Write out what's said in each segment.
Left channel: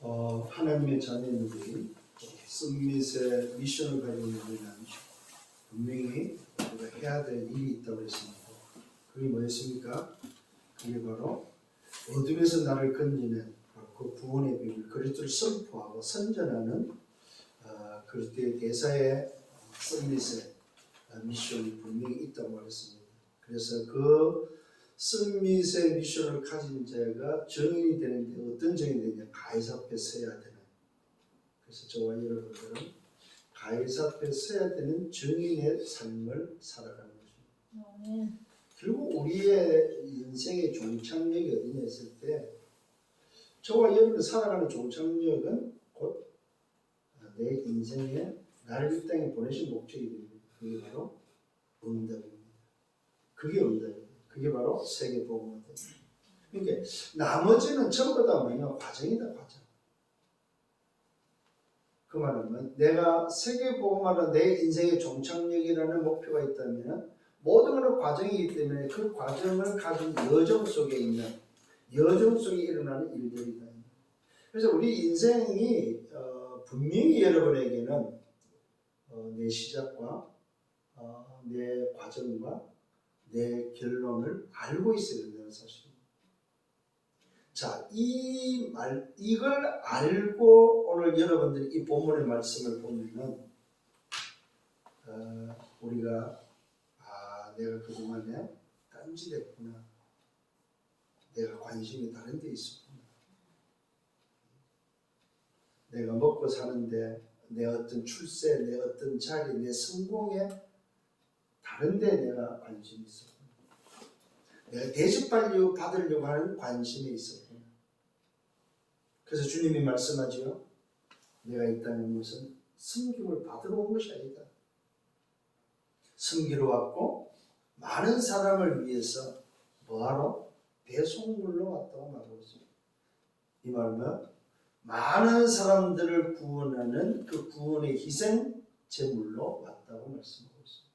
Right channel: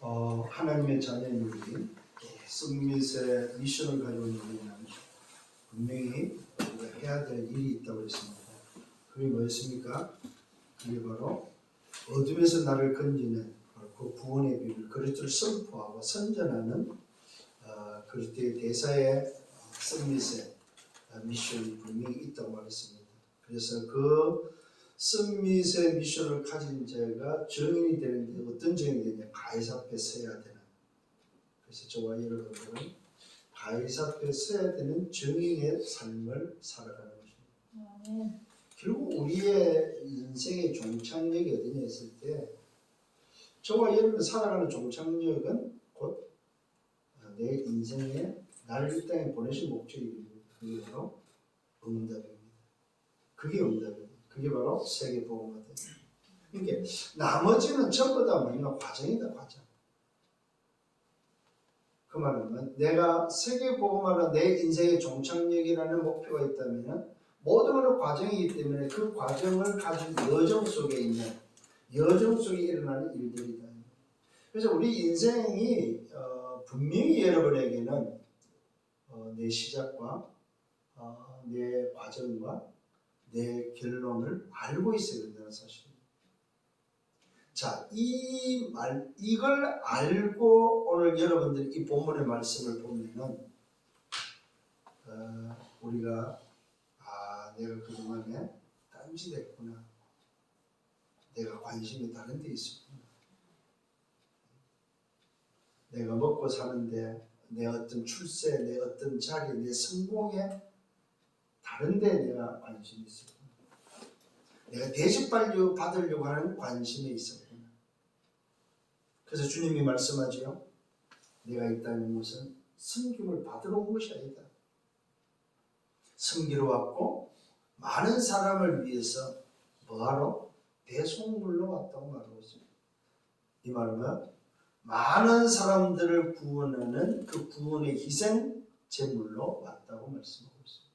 하나님의 자녀들이 썸밋의 미션을 가지고 있는 우리는 분명히 우리가 해야 될 일이 있다고 했습니다. 그게 뭐였습니까? 그게 바로 어둠에서 나를 건지는 그 구원의 비밀, 그리스도를 선포하고 선전하는 그리스도의 대사의 썸밋의 미션이 분명히 있다고 말했습니다. 그래서 그 썸밋의 미션을 가진 자가 증인이 되는데 어떤 증인이 되냐? 가이사 앞에 서야 되는. 그래서 저와 여러분들은 가이사 앞에 서야 되는 증인의 삶을 살아가는 것입니다. 결국 우리의 인생의 종착역이 어디냐 했을 때 저와 여러분 살아가는 종착역은 곧 내 인생에 나를 이 땅에 보내신 목적입니다. 그게 바로 응답입니다. 그게 응답입니다. 그게 바로 세계복음화입니다. 그러니까 나머지는 전부 다 뭐냐? 과정이다, 과정. 그 말은 내가 세계복음화로 내 인생의 종착역이라는 목표가 있다면 모든 것은 과정이기 때문에 그 과정을 가진 여정 속에 있는 여정 속에 일어나는 일들이다. 그래서 우리 인생이 분명히 여러분에게는 내 시작과 내 과정과 내 결론을 알고 있어야 된다는 사실입니다. 자, 이걸 알고 오늘 여러분들이 이 본문의 말씀을 보면은 우리가 내가 그동안에 딴짓했구나. 내가 관심이 다른 데 있었구나. 내가 먹고 사는데 내 어떤 출세, 내 어떤 자리, 내 성공에 다른 데 내가 관심이 있었구나. 내가 대접받으려고 하는 관심이 있었구나. 그래서 주님이 말씀하지요. 내가 이 땅에 온 것은 섬김을 받으러 온 것이 아니다. 섬기러 왔고 많은 사람을 위해서 뭐하러? 대속물로 왔다고 말하고 있습니다. 이 말은 많은 사람들을 구원하는 그 구원의 희생 제물로 왔다고 말씀하고 있습니다.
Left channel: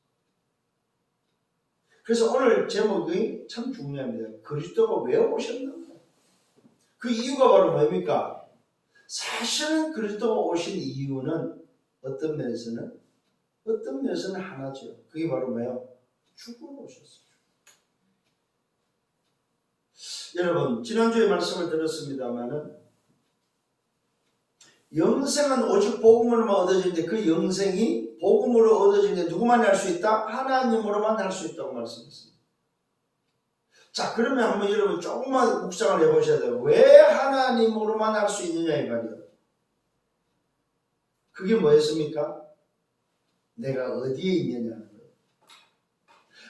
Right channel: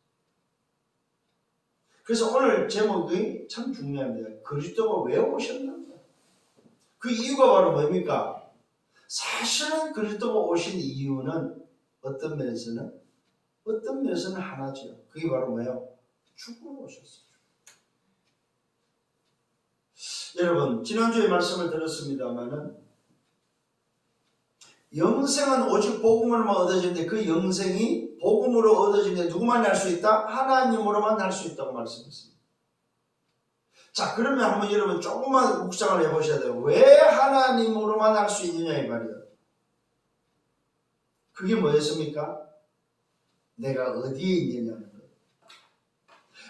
그래서 오늘 제목이 참 중요합니다. 그리스도가 왜 오셨는가? 그 이유가 바로 뭡니까? 사실은 그리스도가 오신 이유는 어떤 면에서는 하나죠. 그게 바로 뭐예요? 죽으러 오셨어요. 여러분 지난주에 말씀을 들었습니다마는 영생은 오직 복음으로만 얻어지는데 그 영생이 복음으로 얻어지는데 누구만 할 수 있다? 하나님으로만 할 수 있다고 말씀했습니다. 자, 그러면 한번 여러분 조금만 묵상을 해보셔야 돼요. 왜 하나님으로만 할 수 있느냐 이 말이에요. 그게 뭐였습니까? 내가 어디에 있느냐는 거예요.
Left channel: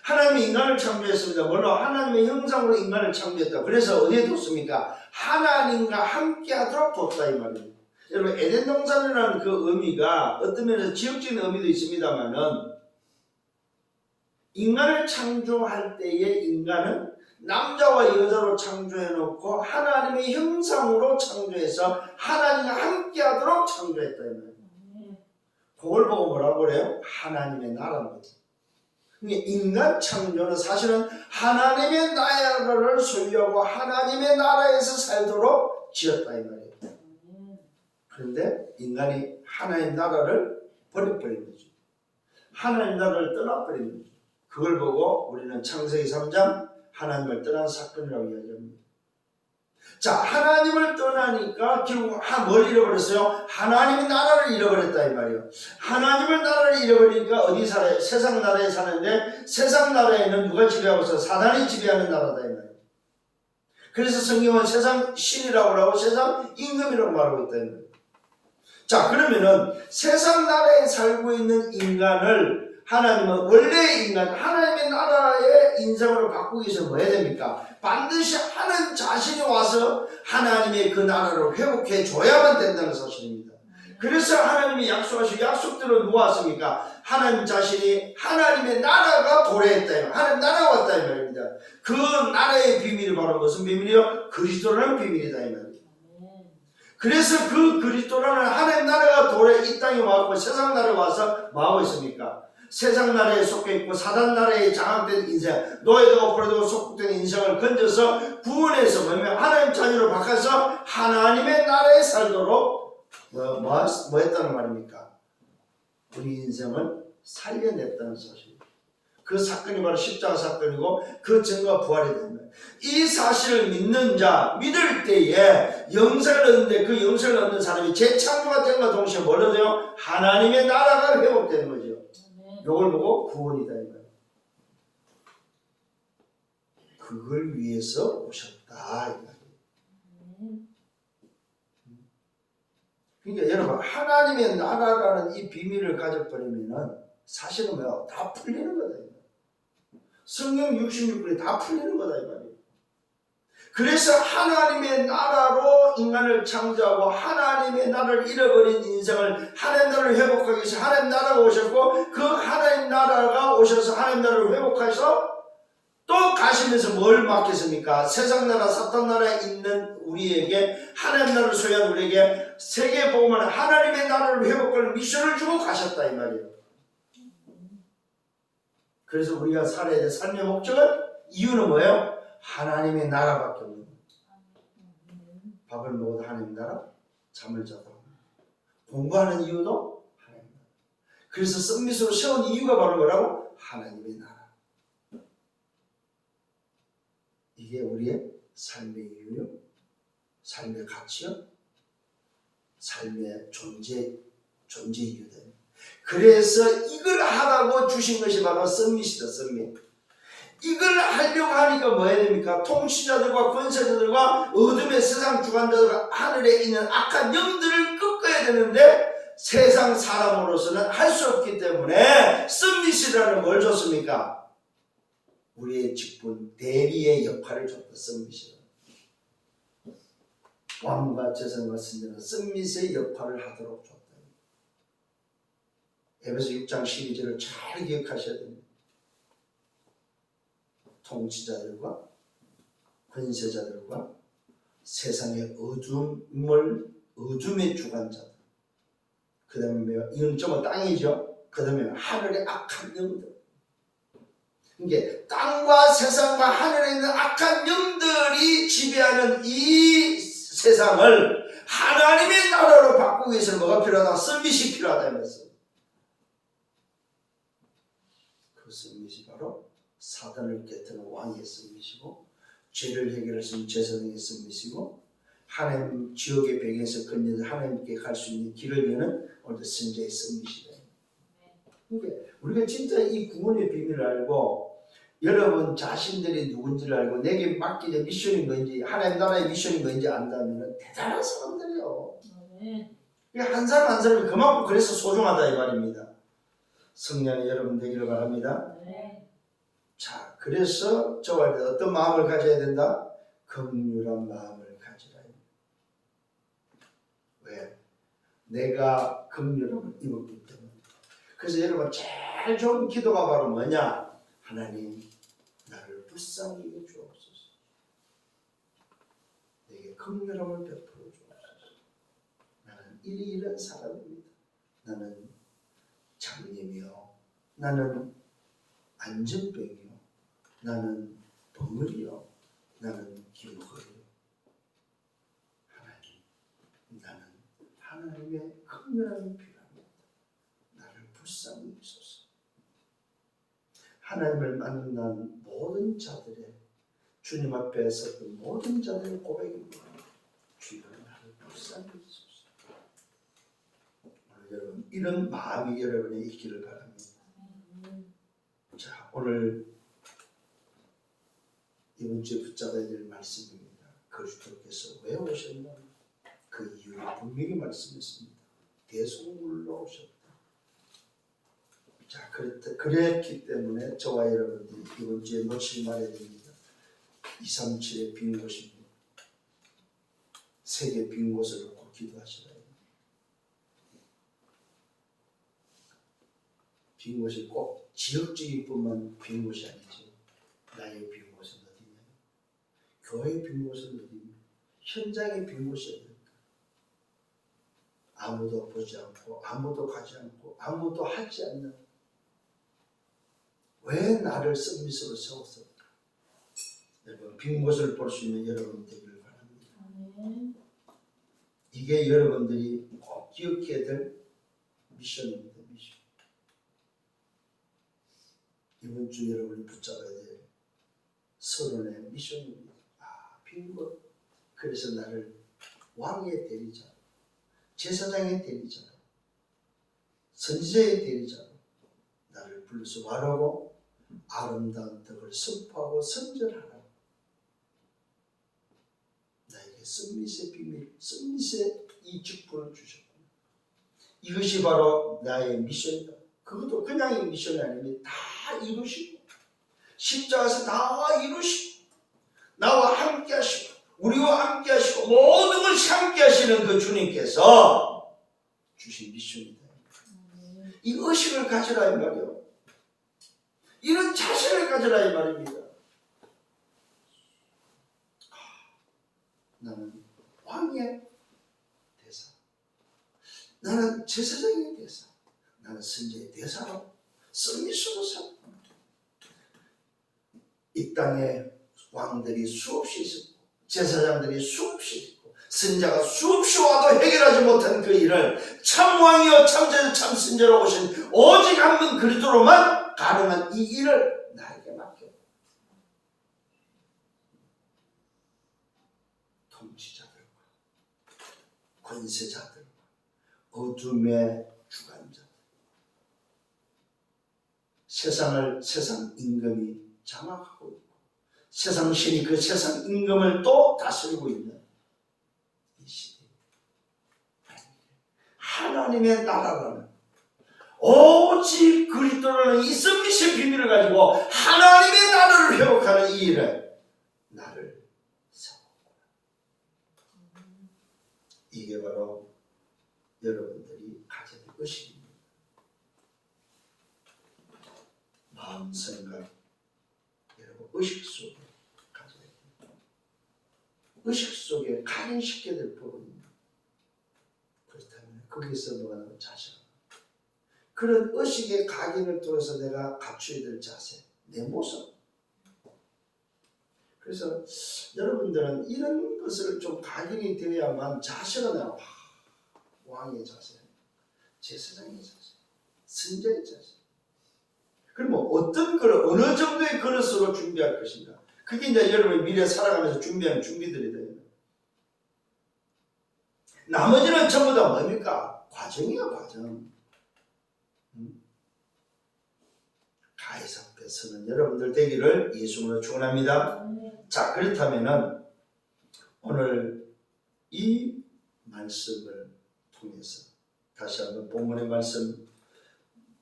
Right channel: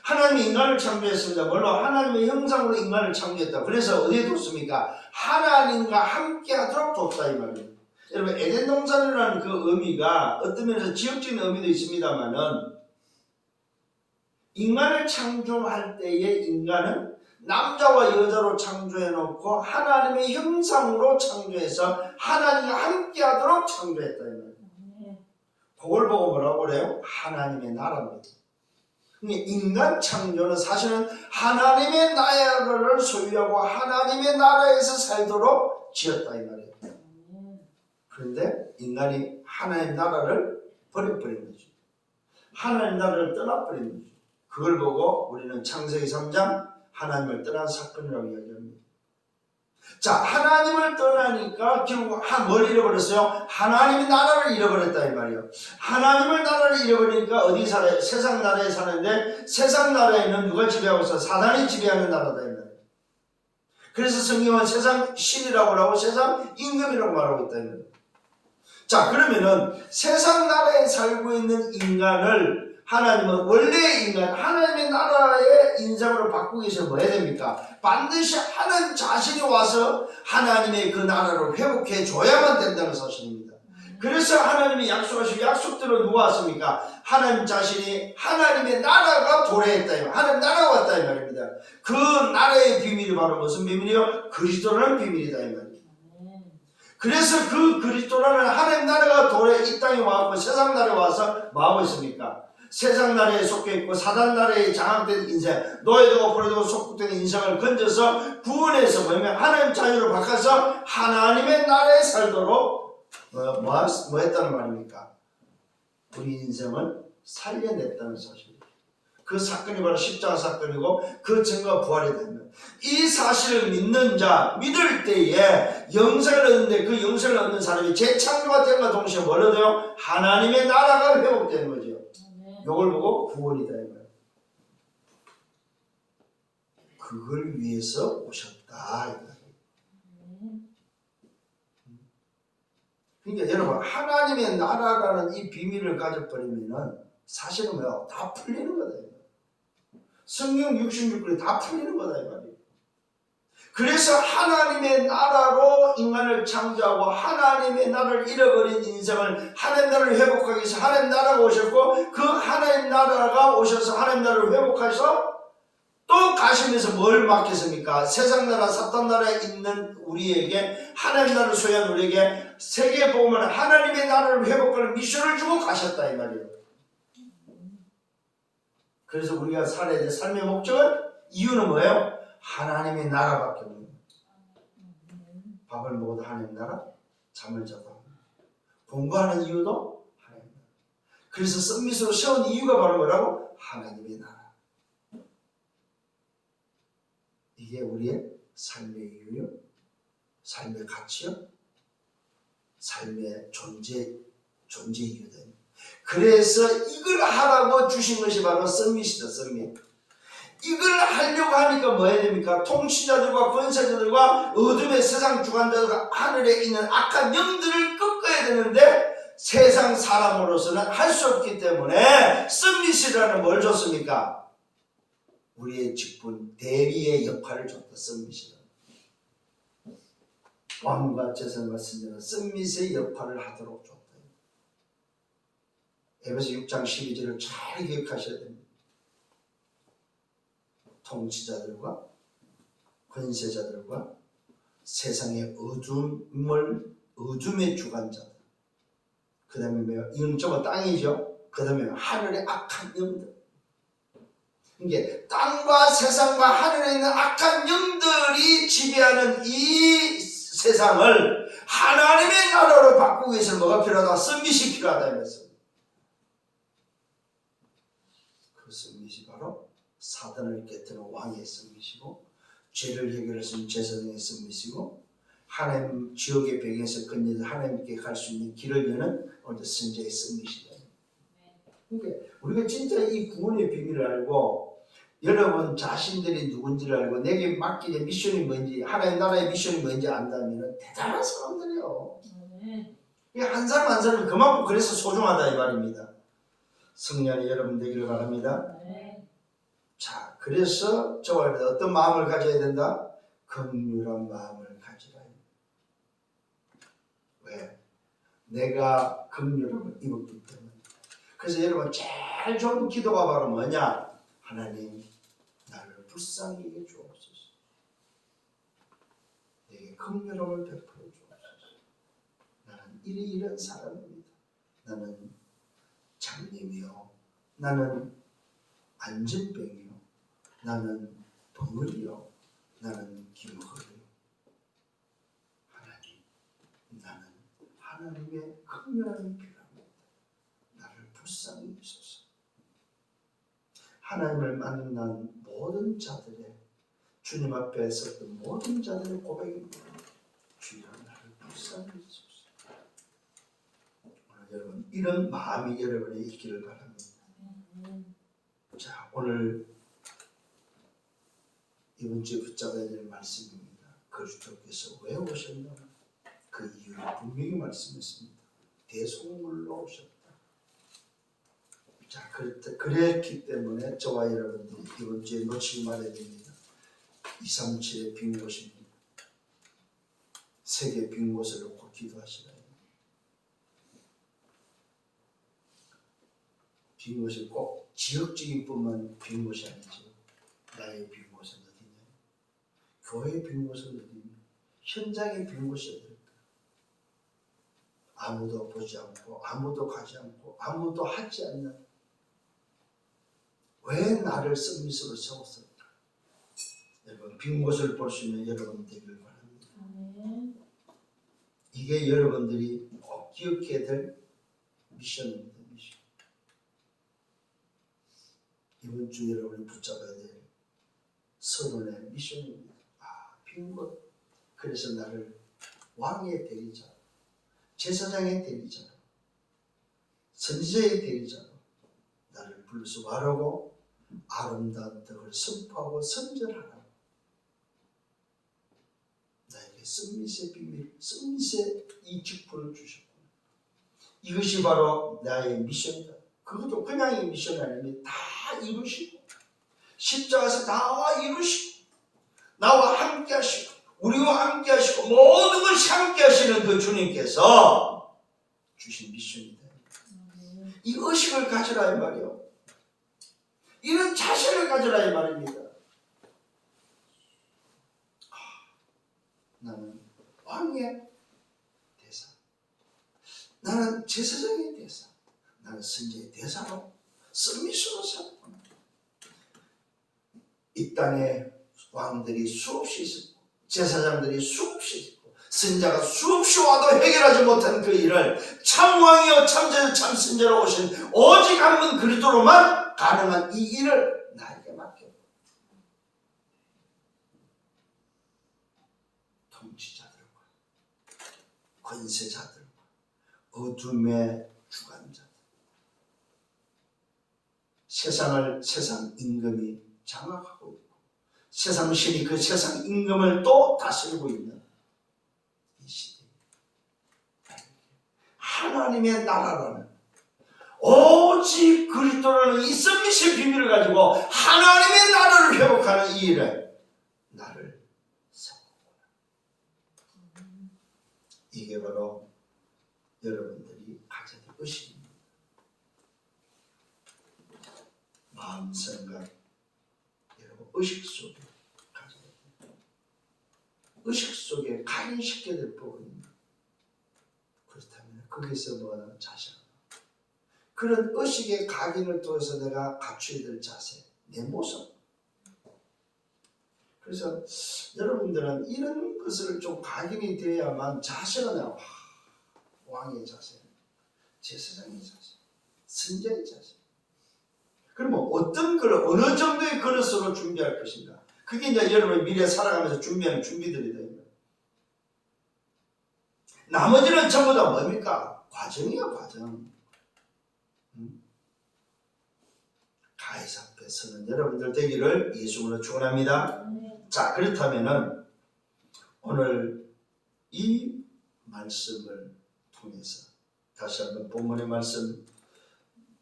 하나님이 인간을 창조했습니다. 물론 하나님의 형상으로 인간을 창조했다. 그래서 어디에 뒀습니까? 하나님과 함께 하도록 뒀다 이 말이에요. 여러분 에덴 동산이라는 그 의미가 어떤 면에서 지역적인 의미도 있습니다만은 인간을 창조할 때에 인간은 남자와 여자로 창조해놓고 하나님의 형상으로 창조해서 하나님과 함께하도록 창조했다 이 말이에요. 그걸 보고 뭐라고 그래요? 하나님의 나라입니다. 인간 창조는 사실은 하나님의 나라를 소유하고 하나님의 나라에서 살도록 지었다 이 말이에요. 그런데 인간이 하나님 나라를 버려버린 거죠. 하나님 나라를 떠나버린 거죠. 그걸 보고 우리는 창세기 3장 하나님을 떠난 사건이라고 이야기합니다. 자, 하나님을 떠나니까 결국 뭘 잃어버렸어요? 하나님의 나라를 잃어버렸다 이 말이에요. 하나님의 나라를 잃어버리니까 어디 살아요? 세상 나라에 사는데 세상 나라에는 누가 지배하고 있어? 사단이 지배하는 나라다 이 말이에요. 그래서 성경은 세상 신이라고 하고 세상 임금이라고 말하고 있다 이 말이에요. 자, 그러면은 세상 나라에 살고 있는 인간을 하나님은 원래의 인간, 하나님의 나라의 인상으로 바꾸기 위해서 뭐 해야 됩니까? 반드시 하나님 자신이 와서 하나님의 그 나라를 회복해 줘야만 된다는 사실입니다. 그래서 하나님이 약속하신 약속대로 누가 왔습니까? 하나님 자신이 하나님의 나라가 도래했다. 하나님 나라가 왔다 이 말입니다. 그 나라의 비밀이 바로 무슨 비밀이요? 그리스도라는 비밀이다 이 말입니다. 그래서 그 그리스도라는 하나님 나라가 도래 이 땅에 와서 세상 나라에 와서 뭐하고 있습니까? 세상 나라에 속해 있고 사단 나라에 장악된 인생, 노예되고 포로되고 속국된 인생을 건져서 구원해서 뭐냐면 하나님 자녀로 바꿔서 하나님의 나라에 살도록 뭐 했다는 말입니까? 우리 인생을 살려냈다는 소식. 그 사건이 바로 십자가 사건이고 그 증거가 부활이 되는 이 사실을 믿는 자, 믿을 때에 영생을 얻는데 그 영생을 얻는 사람이 재창조가 된과 동시에 뭘 얻어요? 하나님의 나라가 회복되는 거죠. 이걸 보고 구원이다 이 말이에요. 그걸 위해서 오셨다 이 말이에요. 그러니까 여러분 하나님의 나라라는 이 비밀을 가져버리면은 사실은 뭐야? 다 풀리는 거다. 성경 66권이 다 풀리는 거다 이 말이에요. 그래서 하나님의 나라로 인간을 창조하고 하나님의 나라를 잃어버린 인생을 하나님 나라를 회복하기 위해서 하나님 나라가 오셨고 그 하나님 나라가 오셔서 하나님 나라를 회복해서 또 가시면서 뭘 맡겼습니까? 세상 나라 사탄 나라에 있는 우리에게 하나님 나라를 소유한 우리에게 세계 복음은 하나님의 나라를 회복하는 미션을 주고 가셨다 이 말이에요. 그래서 우리가 살아야 될 삶의 목적은 이유는 뭐예요? 하나님의 나라밖에 없는 거예요. 밥을 먹어도 하나님 나라, 잠을 자도 공부하는 이유도 하나님 나라. 그래서 썸밋으로 세운 이유가 바로 뭐라고? 하나님의 나라. 이게 우리의 삶의 이유요, 삶의 가치요, 삶의 존재 이유다. 그래서 이걸 하라고 주신 것이 바로 썸밋이다. 썸밋. 이걸 하려고 하니까 뭐 해야 됩니까? 통치자들과 권세자들과 어둠의 세상 주관자들과 하늘에 있는 악한 영들을 꺾어야 되는데 세상 사람으로서는 할 수 없기 때문에 썸밋이라는 뭘 줬습니까? 우리의 직분, 대리의 역할을 줬다. 썸밋이라는. 왕과 제사장과 선지자는 썸밋의 역할을 하도록 줬다. 에베소 6장 12절을 잘 기억하셔야 됩니다. 통치자들과 권세자들과 세상의 어둠의 주관자들, 그 다음에 이건 좀 땅이죠. 그 다음에 하늘의 악한 영들. 그러니까 땅과 세상과 하늘에 있는 악한 영들이 지배하는 이 세상을 하나님의 나라로 바꾸기 위해서 뭐가 필요하다? 썸밋이 필요하다 이랬어요. 그 썸밋이 바로 사단을 깨뜨리는 왕의 썸밋이고, 죄를 해결할 수 있는 제사장의 썸밋이고, 하나님 지옥의 배경에서 건너서 하나님께 갈 수 있는 길을 여는 어떤 선지자의 썸밋이다. 그러니까 우리가 진짜 이 구원의 비밀을 알고 여러분 자신들이 누군지를 알고 내게 맡기는 미션이 뭔지, 하나님 나라의 미션이 뭔지 안다면 대단한 사람들이에요. 한 사람 한 사람이 그만큼 그래서 소중하다 이 말입니다. 성령이 여러분 되기를 바랍니다. 자, 그래서 저와 어떤 마음을 가져야 된다? 긍휼한 마음을 가지라. 왜? 내가 긍휼함을 입었기 때문에. 그래서 여러분 제일 좋은 기도가 바로 뭐냐? 하나님 나를 불쌍히 여겨 주옵소서. 내게 긍휼함을 베풀어 주옵소서. 나는 이런 사람입니다. 나는 장님이요, 나는 안전병이요, 나는 벙어리요, 나는 김허리요. 하나님, 나는 하나님의 긍휼함이 필요합니다. 나를 불쌍히 여기소서. 하나님을 만난 모든 자들의, 주님 앞에 섰던 모든 자들의 고백입니다. 주여 나를 불쌍히 여기소서. 오늘 여러분 이런 마음이 여러분에 있기를 바랍니다. 자, 오늘 이번 주에 붙잡아야 될 말씀입니다. 그리스도께서 왜 오셨나? 그 이유를 분명히 말씀했습니다. 대속물로 오셨다. 자, 그랬기 때문에 저와 여러분들이 이번 주에 놓치지 말아야 됩니다. 237의 빈 곳입니다. 세계 빈 곳을 놓고 기도하시라. 빈 곳이 꼭 지역적인 뿐만 빈 곳이 아니죠. 나의 빈 곳은 어디냐? 교회의 빈 곳은 어디냐? 현장의 빈 곳이 어딜까? 아무도 보지 않고 아무도 가지 않고 아무도 하지 않는 왜 나를 썸밋으로 세웠을까? 여러분 빈 곳을 볼 수 있는 여러분 되기를 바랍니다. 이게 여러분들이 꼭 기억해야 될 미션입니다. 미션. 이번 주 여러분이 붙잡아야 될 서론의 미션입니다. 빈 곳. 그래서 나를 왕의 대리자, 제사장의 대리자, 선지자의 대리자로 나를 불러서 말하고 아름다운 덕을 선포하고 선전하라고. 나에게 썸밋의 비밀, 썸밋의 이 직분을 주셨고, 이것이 바로 나의 미션이다. 그것도 그냥의 미션이 아닙니다. 다 이루시고 십자가에서 다 이루시고 나와 함께 하시고 우리와 함께 하시고 모든 것이 함께 하시는 그 주님께서 주신 미션이다. 이 의식을 가져라 이 말이요. 이런 자신을 가져라 이 말입니다. 나는 왕의 대사, 나는 제사장의 대사, 나는 선지자의 대사로 썸밋으로 살고, 이 땅에 왕들이 수없이 있었고 제사장들이 수없이 있고 선지자가 수없이 와도 해결하지 못한 그 일을 참 왕이요 참 제사 참 선지자로 오신 오직 한 분 그리스도로만 가능한 이 일을 나에게 맡겨. 통치자들과 권세자들과 어둠의 주관자들, 세상 임금이 장악하고 있고 세상 신이 그 세상 임금을 또 다스리고 있는 이 시대, 하나님의 나라라는 오직 그리스도라는 이 썸밋의 비밀을 가지고 하나님의 나라를 회복하는 이 일에 나를 세웠구나. 이게 바로 여러분들이 가져야 될 의식입니다. 마음 생각 여러분 의식 속에 가져야 됩니다. 의식 속에 각인시켜야 될 부분입니다. 그렇다면 거기서 뭐하는 자세, 그런 의식의 각인을 통해서 내가 갖춰야 될 자세, 내 모습. 그래서 여러분들은 이런 것을 좀 각인이 되어야만 자세가 나와. 왕의 자세, 제사장의 자세, 선지자의 자세. 그러면 어떤 그릇, 어느 정도의 그릇으로 준비할 것인가? 그게 이제 여러분 미래 살아가면서 준비하는 준비들이 됩니다. 나머지는 전부 다 뭡니까? 과정이야, 과정. 가해사 앞에 서는 여러분들 되기를 예수님으로 축원합니다. 자, 그렇다면은 오늘 이 말씀을 통해서 다시 한번 본문의 말씀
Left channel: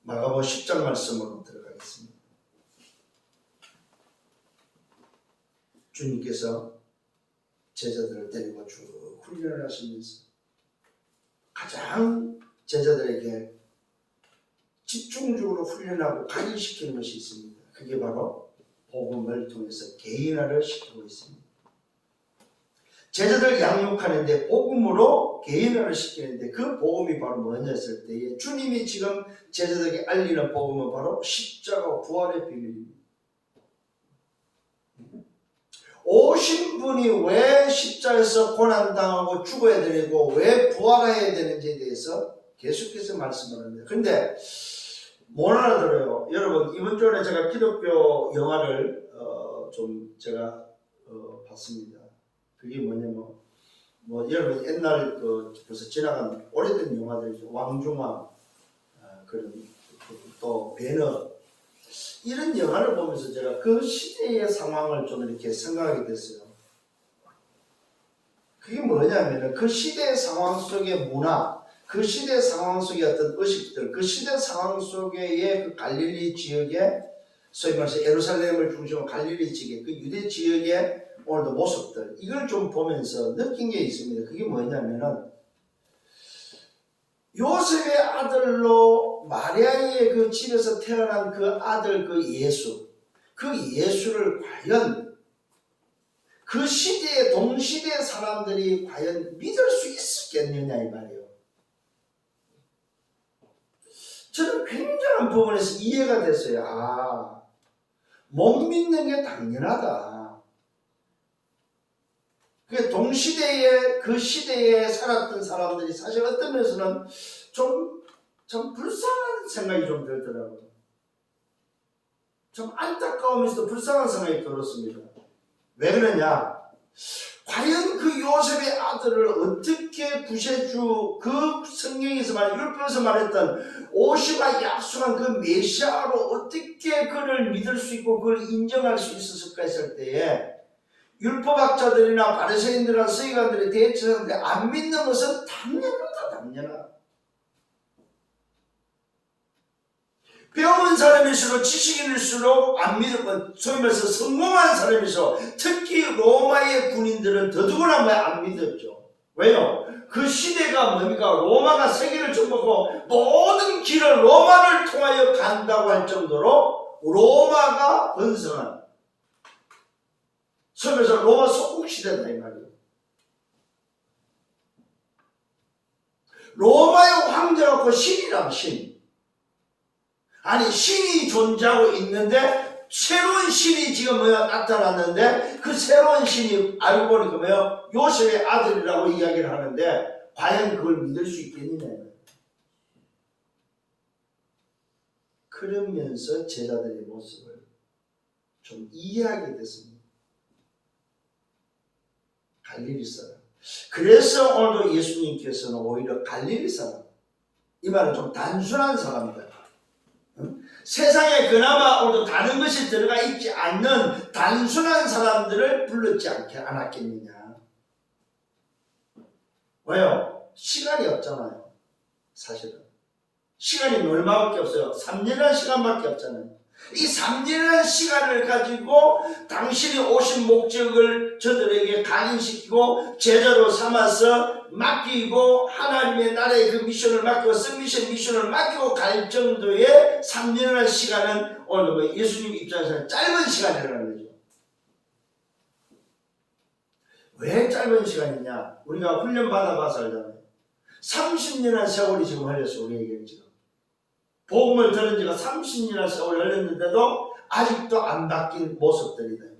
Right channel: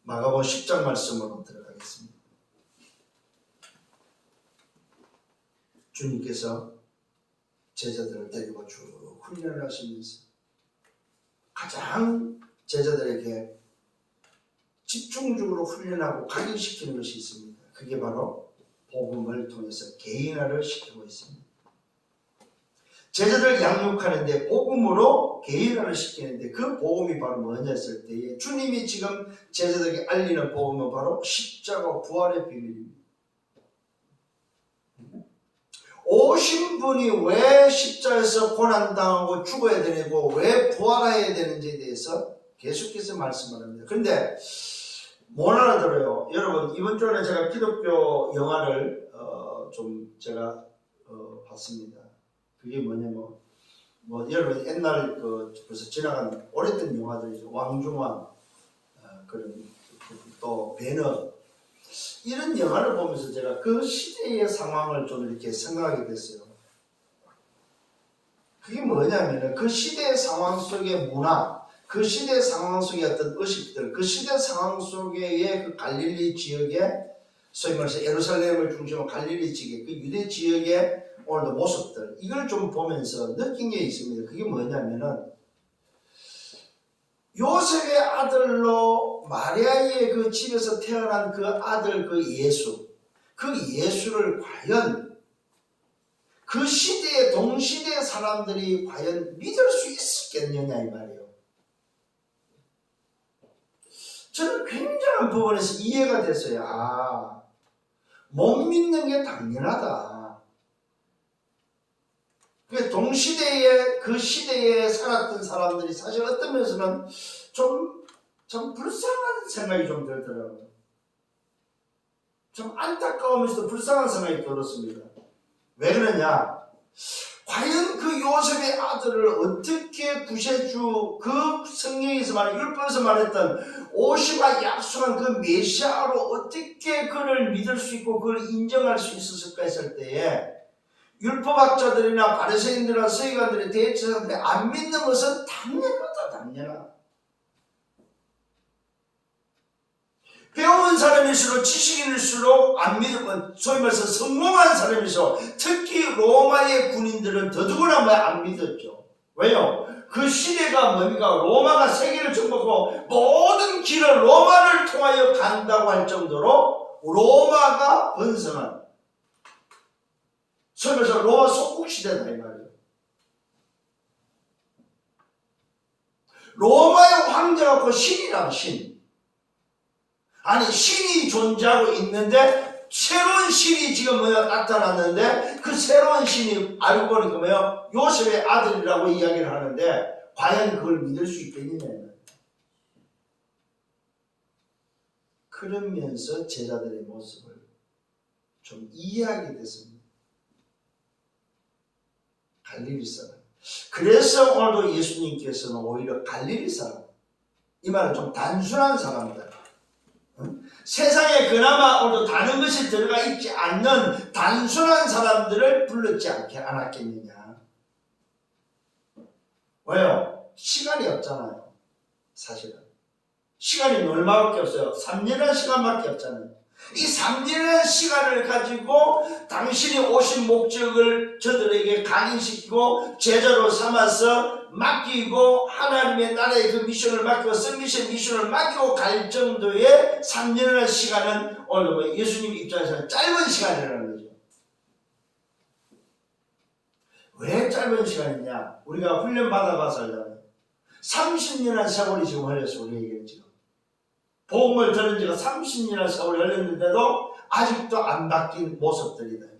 마가복음 10장 말씀으로 들어가겠습니다. 주님께서 제자들을 데리고 쭉 훈련을 하시면서 가장 제자들에게 집중적으로 훈련하고 각인시키는 것이 있습니다. 그게 바로 복음을 통해서 개인화를 시키고 있습니다. 제자들 양육하는데 복음으로 개인화를 시키는데 그 복음이 바로 뭐냐 했을 때에 주님이 지금 제자들에게 알리는 복음은 바로 십자가 부활의 비밀입니다. 오신 분이 왜 십자가에서 고난당하고 죽어야 되고 왜 부활해야 되는지에 대해서 계속해서 말씀을 합니다. 그런데 못 알아들어요. 여러분 이번 주에 제가 기독교 영화를 좀 제가 봤습니다. 그게 뭐냐면 여러분 옛날 벌써 지나간 오래된 영화들이죠. 왕중왕 그런 또 배너 이런 영화를 보면서 제가 그 시대의 상황을 좀 이렇게 생각하게 됐어요. 그게 뭐냐면 그 시대의 상황 속의 문화, 그 시대 상황 속의 어떤 의식들, 그 시대 상황 속의 그 갈릴리 지역의 소위 말해서 예루살렘을 중심으로 갈릴리 지역, 그 유대 지역의 오늘도 모습들, 이걸 좀 보면서 느낀 게 있습니다. 그게 뭐냐면은 요셉의 아들로 마리아의 그 집에서 태어난 그 아들 그 예수, 그 예수를 과연 그 시대의 동시대 사람들이 과연 믿을 수 있었겠느냐 이 말이에요. 저는 굉장한 부분에서 이해가 됐어요. 못 믿는 게 당연하다. 동시대에 그 시대에 살았던 사람들이 사실 어떤 면에서는 좀 불쌍한 생각이 좀 들더라고요. 좀 안타까우면서도 불쌍한 생각이 들었습니다. 왜 그러냐? 과연 그 요셉의 아들을 어떻게 구세주, 그 성경에서 율법에서 말했던 오시와 약속한 그 메시아로 어떻게 그를 믿을 수 있고 그를 인정할 수 있었을까 했을 때에 율법학자들이나 바리새인들이나 서기관들이 대체사들이 안 믿는 것은 당연하다. 배운 사람일수록 지식인일수록 안 믿고 소위 말해서 성공한 사람일수록 특히 로마의 군인들은 더더구나 안 믿었죠. 왜요? 그 시대가 뭡니까? 로마가 세계를 정복하고 모든 길을 로마를 통하여 간다고 할 정도로 로마가 번성한 소위 말해서 로마 속국 시대다 이 말이에요. 로마의 황제가 그 신이라고 신. 아니 신이 존재하고 있는데 새로운 신이 지금 나타났는데 그 새로운 신이 알고 보니까 요셉의 아들이라고 이야기를 하는데 과연 그걸 믿을 수 있겠느냐. 그러면서 제자들의 모습을 좀 이해하게 됐습니다. 갈릴리 사람. 그래서 오늘도 예수님께서는 오히려 갈릴리 사람, 이 말은 좀 단순한 사람들, 세상에 그나마 오늘도 다른 것이 들어가 있지 않는 단순한 사람들을 불렀지 않았겠느냐. 왜요? 시간이 없잖아요. 사실은 시간이 얼마밖에 없어요. 3년이라는 시간밖에 없잖아요. 이 3년이라는 시간을 가지고 당신이 오신 목적을 저들에게 각인시키고 제자로 삼아서 맡기고 하나님의 나라의 그 미션을 맡기고 성미션 미션을 맡기고 갈 정도의 3년이라는 시간은 오늘 예수님 입장에서는 짧은 시간이라는 거죠. 왜 짧은 시간이냐? 우리가 훈련 받아봐서 알잖아요. 30년이라는 세월이 지금 흘렸어. 우리에게 지금 복음을 들은 지가 30년이나 세월이 흘렸는데도 아직도 안 바뀐 모습들이다.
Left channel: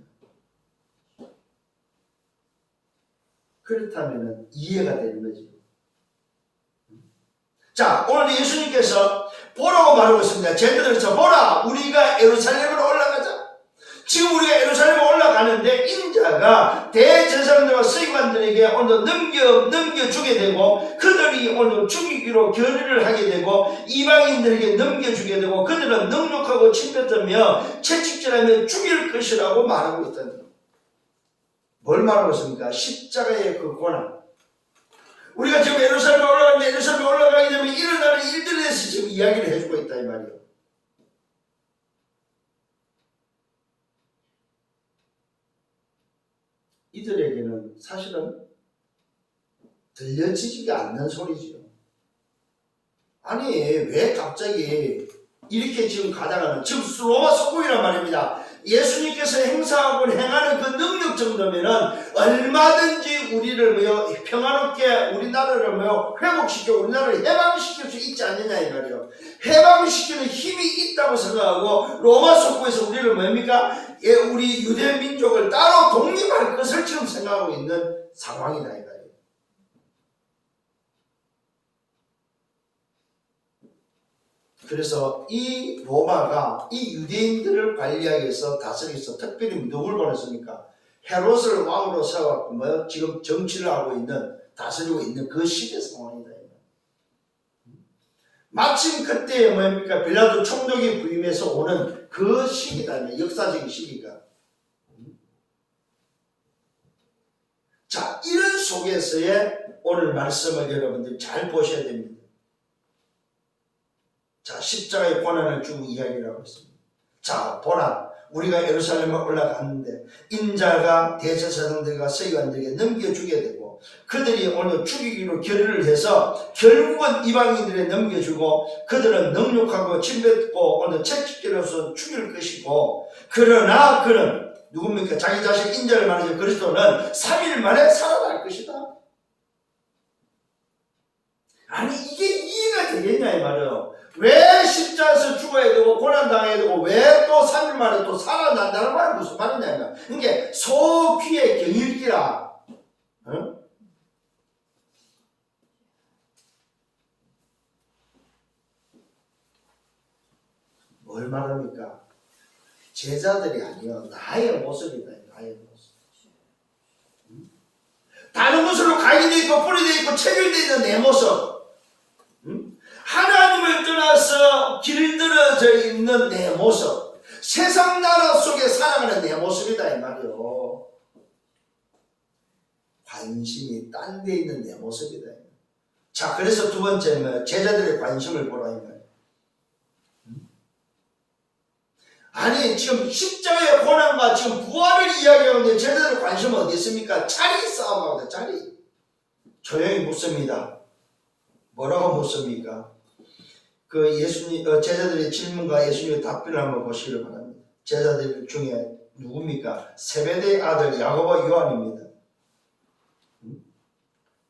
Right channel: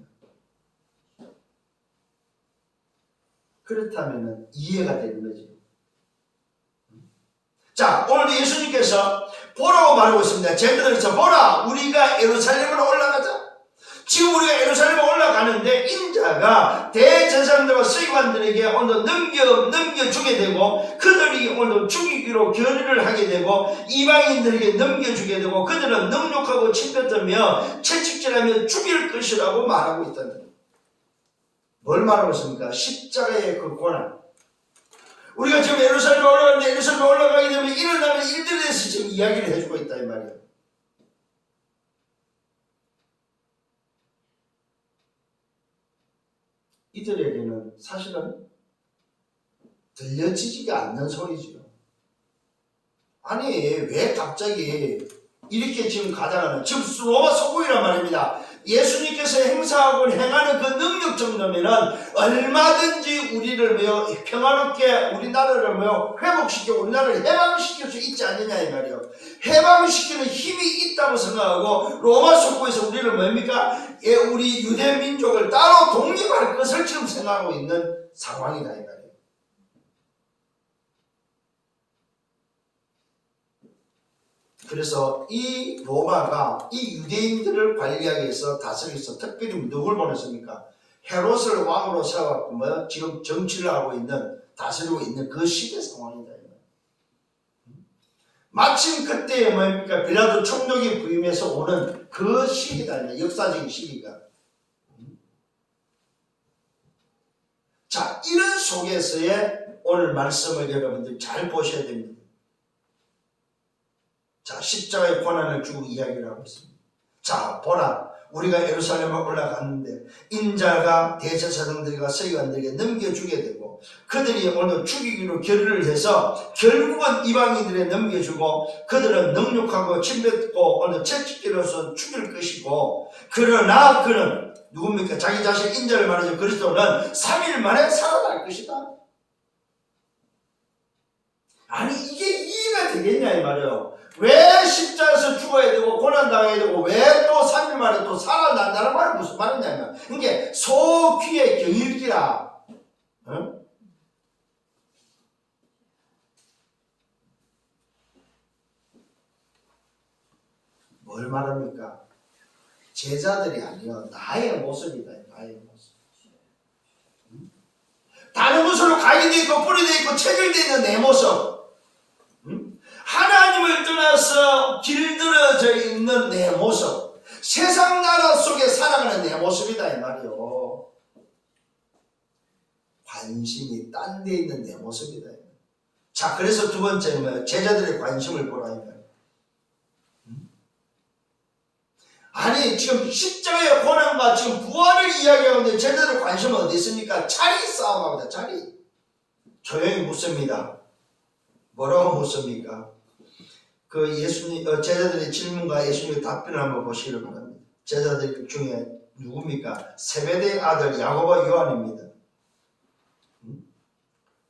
그렇다면 이해가 되는 거죠. 자, 오늘 예수님께서 보라고 말하고 있습니다. 제자들에서 보라, 우리가 예루살렘으로 올라가자. 지금 우리가 예루살렘에 올라가는데 인자가 대제사장들과 서기관들에게 오늘 넘겨주게 되고 그들이 오늘 죽이기로 결의를 하게 되고 이방인들에게 넘겨주게 되고 그들은 능욕하고 침뱉으며 채찍질하며 죽일 것이라고 말하고 있다는 거예요. 뭘 말하고 있습니까? 십자가의 그 고난. 우리가 지금 예루살렘에 올라가는데 예루살렘에 올라가게 되면 일어나는 일들에 대해서 지금 이야기를 해주고 있다 이 말이에요. 이들에게는 사실은 들려지지가 않는 소리지요. 아니 왜 갑자기 이렇게 지금 가다가는 지금 로마 속국이란 말입니다. 예수님께서 행사하고 행하는 그 능력 정도면은 얼마든지 우리를 평화롭게 우리나라를 회복시켜 우리나라를 해방시킬 수 있지 않느냐 이 말이에요. 해방시키는 힘이 있다고 생각하고 로마 속국에서 우리를 우리 유대 민족을 따로 독립할 것을 지금 생각하고 있는 상황이다 이 말이에요. 그래서 이 로마가 이 유대인들을 관리하기 위해서 다스리기 위해서 특별히 누굴 보냈습니까? 헤롯을 왕으로 세워갖고 지금 정치를 하고 있는 다스리고 있는 그 시대 상황이다. 마침 그때에 빌라도 총독이 부임해서 오는 그 시기다. 역사적인 시기가. 자, 이런 속에서의 오늘 말씀을 여러분들이 잘 보셔야 됩니다. 자, 십자가의 고난을 주고 이야기를 하고 있습니다. 자, 보라, 우리가 예루살렘에 올라갔는데 인자가 대제사장들과 서기관들에게 넘겨주게 되고 그들이 오늘 죽이기로 결의를 해서 결국은 이방인들에 넘겨주고 그들은 능욕하고 침뱉고 오늘 채찍질로서 죽일 것이고 그러나 그는 누굽니까? 자기 자식 인자를 말하자 그리스도는 3일 만에 살아날 것이다. 아니 이게 이해가 되겠냐 이 말이에요. 왜 십자가에서 죽어야 되고 고난당해야 되고 왜 또 3일 만에 또 살아난다는 말은 무슨 말이냐면 이게 소귀의 경일기라. 어? 뭘 말합니까? 제자들이 아니요 나의 모습이다. 나의 모습. 다른 곳으로 가게 돼 있고 뿌리 돼 있고 체질돼 있는 내 모습. 하나님을 떠나서 길들어져 있는 내 모습. 세상 나라 속에 살아가는 내 모습이다 이 말이요. 관심이 딴 데 있는 내 모습이다. 자, 그래서 두 번째는 제자들의 관심을 보라 이 말이에요. 아니 지금 십자가의 고난과 지금 부활을 이야기하는데 제자들 관심은 어디 있습니까? 자리 싸움합니다. 자리. 조용히 묻습니다. 뭐라고 묻습니까? 그 예수님 제자들의 질문과 예수님의 답변을 한번 보시기를 바랍니다. 제자들 중에 누굽니까? 세베대의 아들 야고보 요한입니다.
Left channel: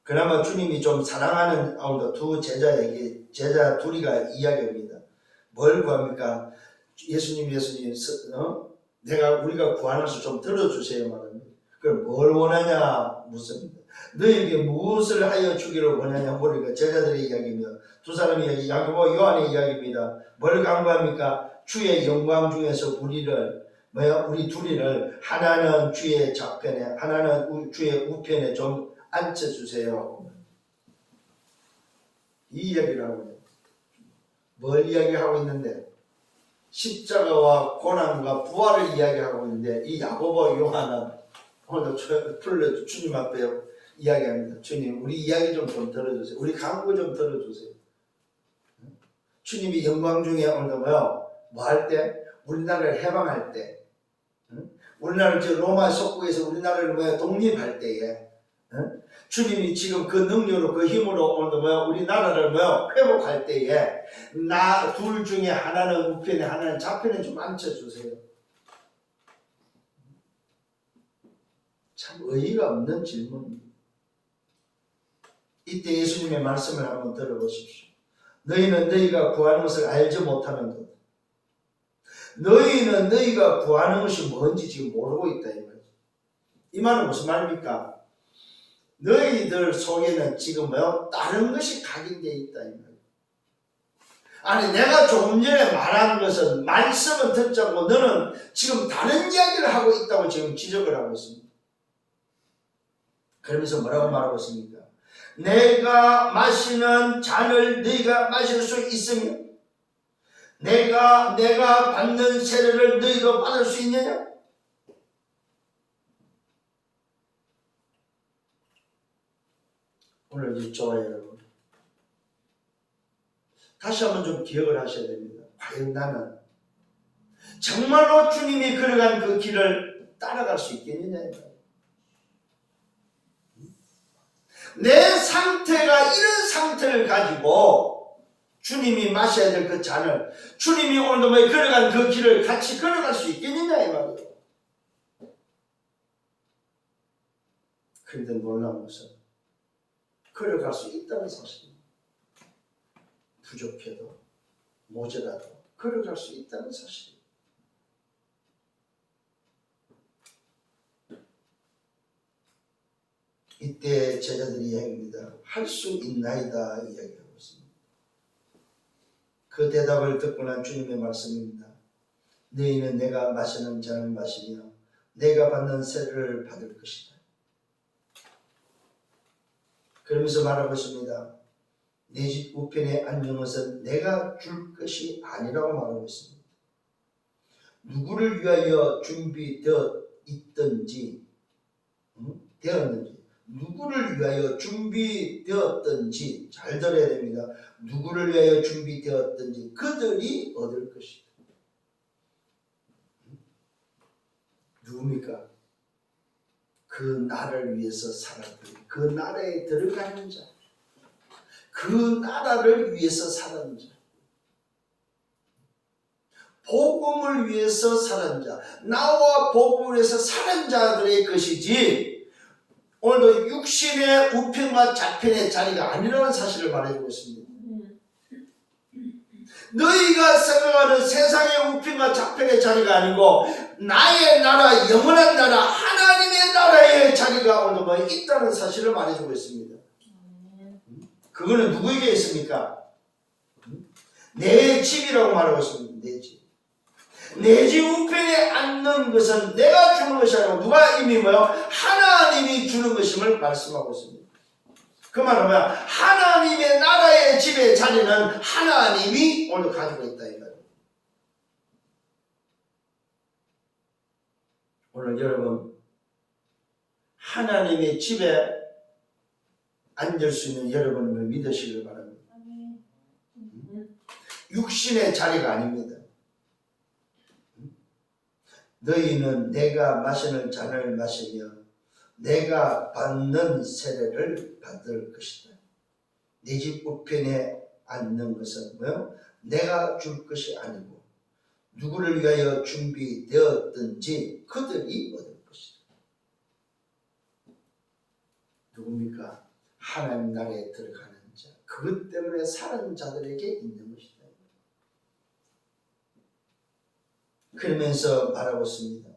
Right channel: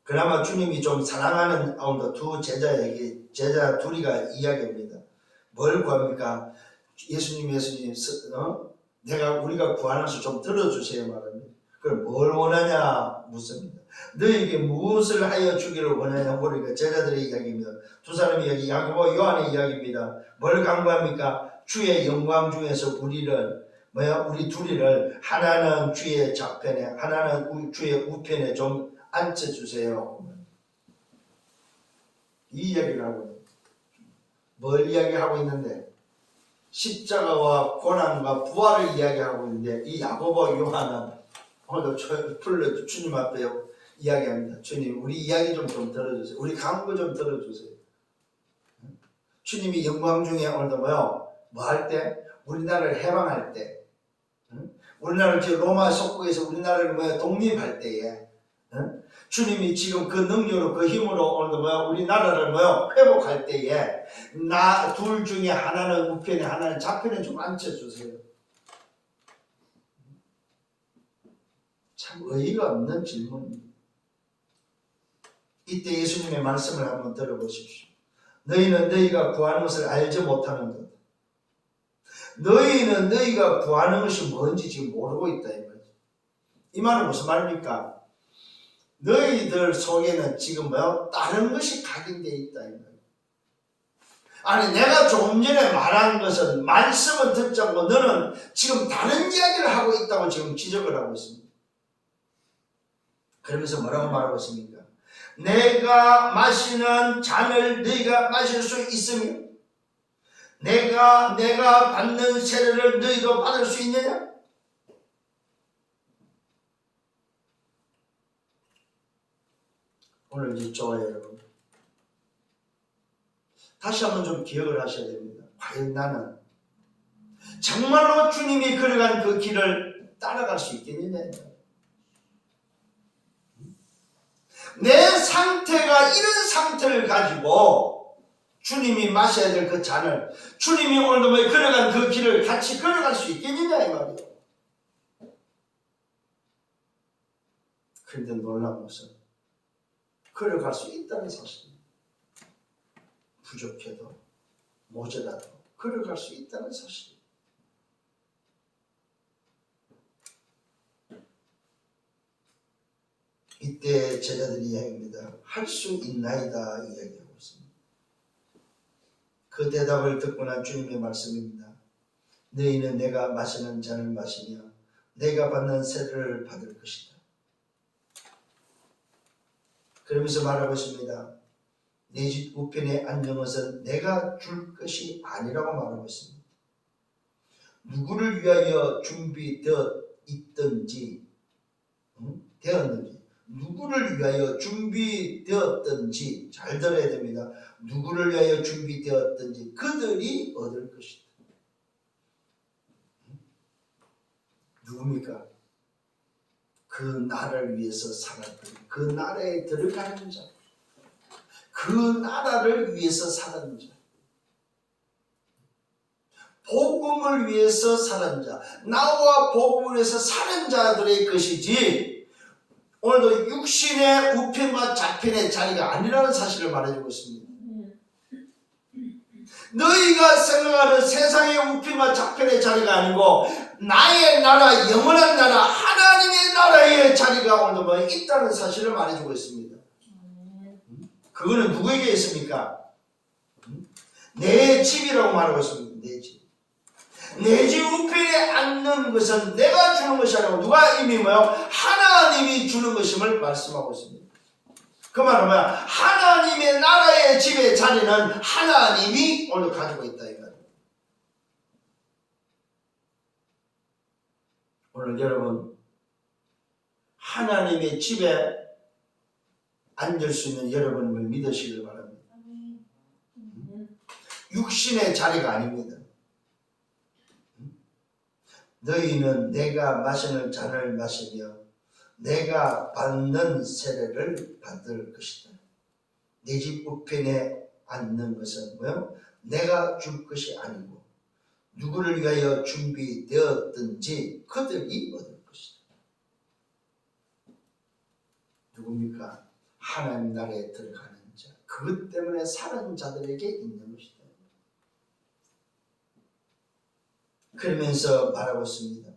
그나마 주님이 좀 사랑하는 두 제자에게 제자 둘이가 이야기합니다. 뭘 구합니까? 예수님 내가 우리가 구하는 것을 좀 들어주세요 말합니다. 그럼 뭘 원하냐 묻습니다. 너에게 무엇을 하여 주기를 원하냐 모르니까 제자들의 이야기입니다. 두 사람의 이야기 야고보 요한의 이야기입니다. 뭘 간구합니까? 주의 영광 중에서 우리 둘이를 하나는 주의 좌편에 하나는 주의 우편에 좀 앉혀주세요. 이 이야기를 하고 있는데 뭘 이야기하고 있는데 십자가와 고난과 부활을 이야기하고 있는데 이 야고보 요한은 오늘도 풀려 주님 앞에 이야기합니다. 주님 우리 이야기 좀 들어주세요. 우리 간구 좀 들어주세요. 주님이 영광 중에 오늘도 뭐 할 때? 우리나라를 해방할 때 우리나라를 로마 속국에서 우리나라를 독립할 때에 주님이 지금 그 능력으로 그 힘으로 오늘도 우리나라를 회복할 때에 나 둘 중에 하나는 우편에 하나는 좌편에 좀 앉혀주세요. 참 의의가 없는 질문입니다. 이때 예수님의 말씀을 한번 들어보십시오. 너희는 너희가 구하는 것을 알지 못하는도다. 너희는 너희가 구하는 것이 뭔지 지금 모르고 있다 이 말이죠. 이 말은 무슨 말입니까? 너희들 속에는 지금 다른 것이 각인되어 있다 이 말이에요. 아니 내가 조금 전에 말한 것은 말씀은 듣지 않고 너는 지금 다른 이야기를 하고 있다고 지금 지적을 하고 있습니다. 그러면서 뭐라고 말하고 있습니까? 내가 마시는 잔을 너희가 마실 수 있으며 내가 받는 세례를 너희도 받을 수 있느냐? 오늘 이 좋아요 여러분. 다시 한번 좀 기억을 하셔야 됩니다. 과연 나는 정말로 주님이 걸어간 그 길을 따라갈 수 있겠느냐? 내 상태가 이런 상태를 가지고 주님이 마셔야 될 그 잔을 주님이 오늘도 걸어간 그 길을 같이 걸어갈 수 있겠느냐 이 말이에요. 그런데 놀라운 것은 걸어갈 수 있다는 사실입니다. 부족해도 모자라도 걸어갈 수 있다는 사실입니다. 이때 제자들이 이야기합니다. 할 수 있나이다 이야기하고 있습니다. 그 대답을 듣고 난 주님의 말씀입니다. 너희는 내가 마시는 잔을 마시며 내가 받는 세례를 받을 것이다. 그러면서 말하고 있습니다. 내 집 우편에 앉은 것은 내가 줄 것이 아니라고 말하고 있습니다. 누구를 위하여 준비되어 있든지 되었는지 누구를 위하여 준비되었든지 잘 들어야 됩니다. 누구를 위하여 준비되었든지 그들이 얻을 것이다. 누굽니까? 그 나라를 위해서 살았던 그 나라에 들어가는 자, 그 나라를 위해서 살았는 자, 복음을 위해서 살은 자, 나와 복음을 위해서 살은 자들의 것이지 오늘도 육신의 우편과 좌편의 자리가 아니라는 사실을 말해주고 있습니다. 너희가 생각하는 세상의 우편과 좌편의 자리가 아니고 나의 나라, 영원한 나라, 하나님의 나라의 자리가 오늘 있다는 사실을 말해주고 있습니다. 그거는 누구에게 있습니까? 내 집이라고 말하고 있습니다. 내 집. 내 집 우편에 앉는 것은 내가 주는 것이 아니고 누가 이미 하나님이 주는 것임을 말씀하고 있습니다. 그 말은 뭐야? 하나님의 나라의 집의 자리는 하나님이 오늘 가지고 있다 이 말이에요. 오늘 여러분 하나님의 집에 앉을 수 있는 여러분을 믿으시길 바랍니다. 육신의 자리가 아닙니다. 너희는 내가 마시는 잔을 마시며 내가 받는 세례를 받을 것이다. 내 집 우편에 앉는 것은 내가 줄 것이 아니고 누구를 위하여 준비되었든지 그들이 얻을 것이다. 누굽니까? 하나님 나라에 들어가는 자. 그것 때문에 사는 자들에게 있는 것이다. 그러면서 말하고 있습니다.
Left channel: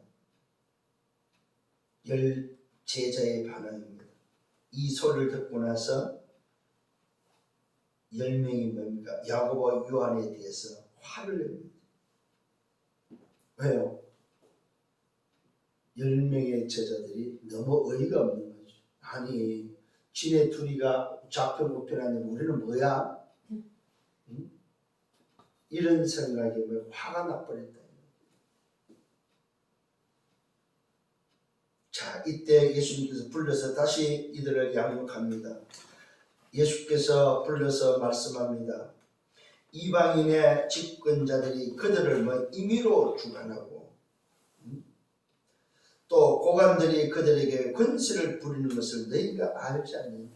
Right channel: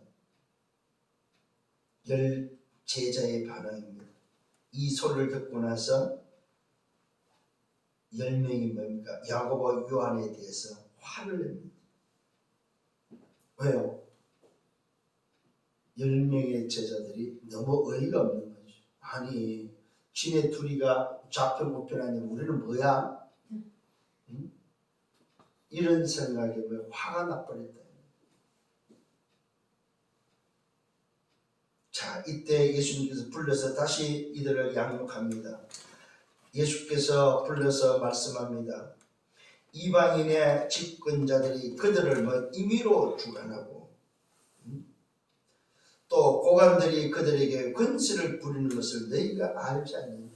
열 제자의 반응입니다. 이 소리를 듣고 나서 10명이 뭡니까? 야고보와 요한에 대해서 화를 냅니다. 왜요? 10명의 제자들이 너무 어이가 없는 거죠. 아니 지네 둘이가 좌편 우편 아니면 우리는 뭐야? 응? 이런 생각에 화가 나버렸다. 자, 이때 예수님께서 불러서 다시 이들을 양육합니다. 예수께서 불러서 말씀합니다. 이방인의 집권자들이 그들을 임의로 주관하고 또 고관들이 그들에게 권세를 부리는 것을 너희가 알지 않느냐.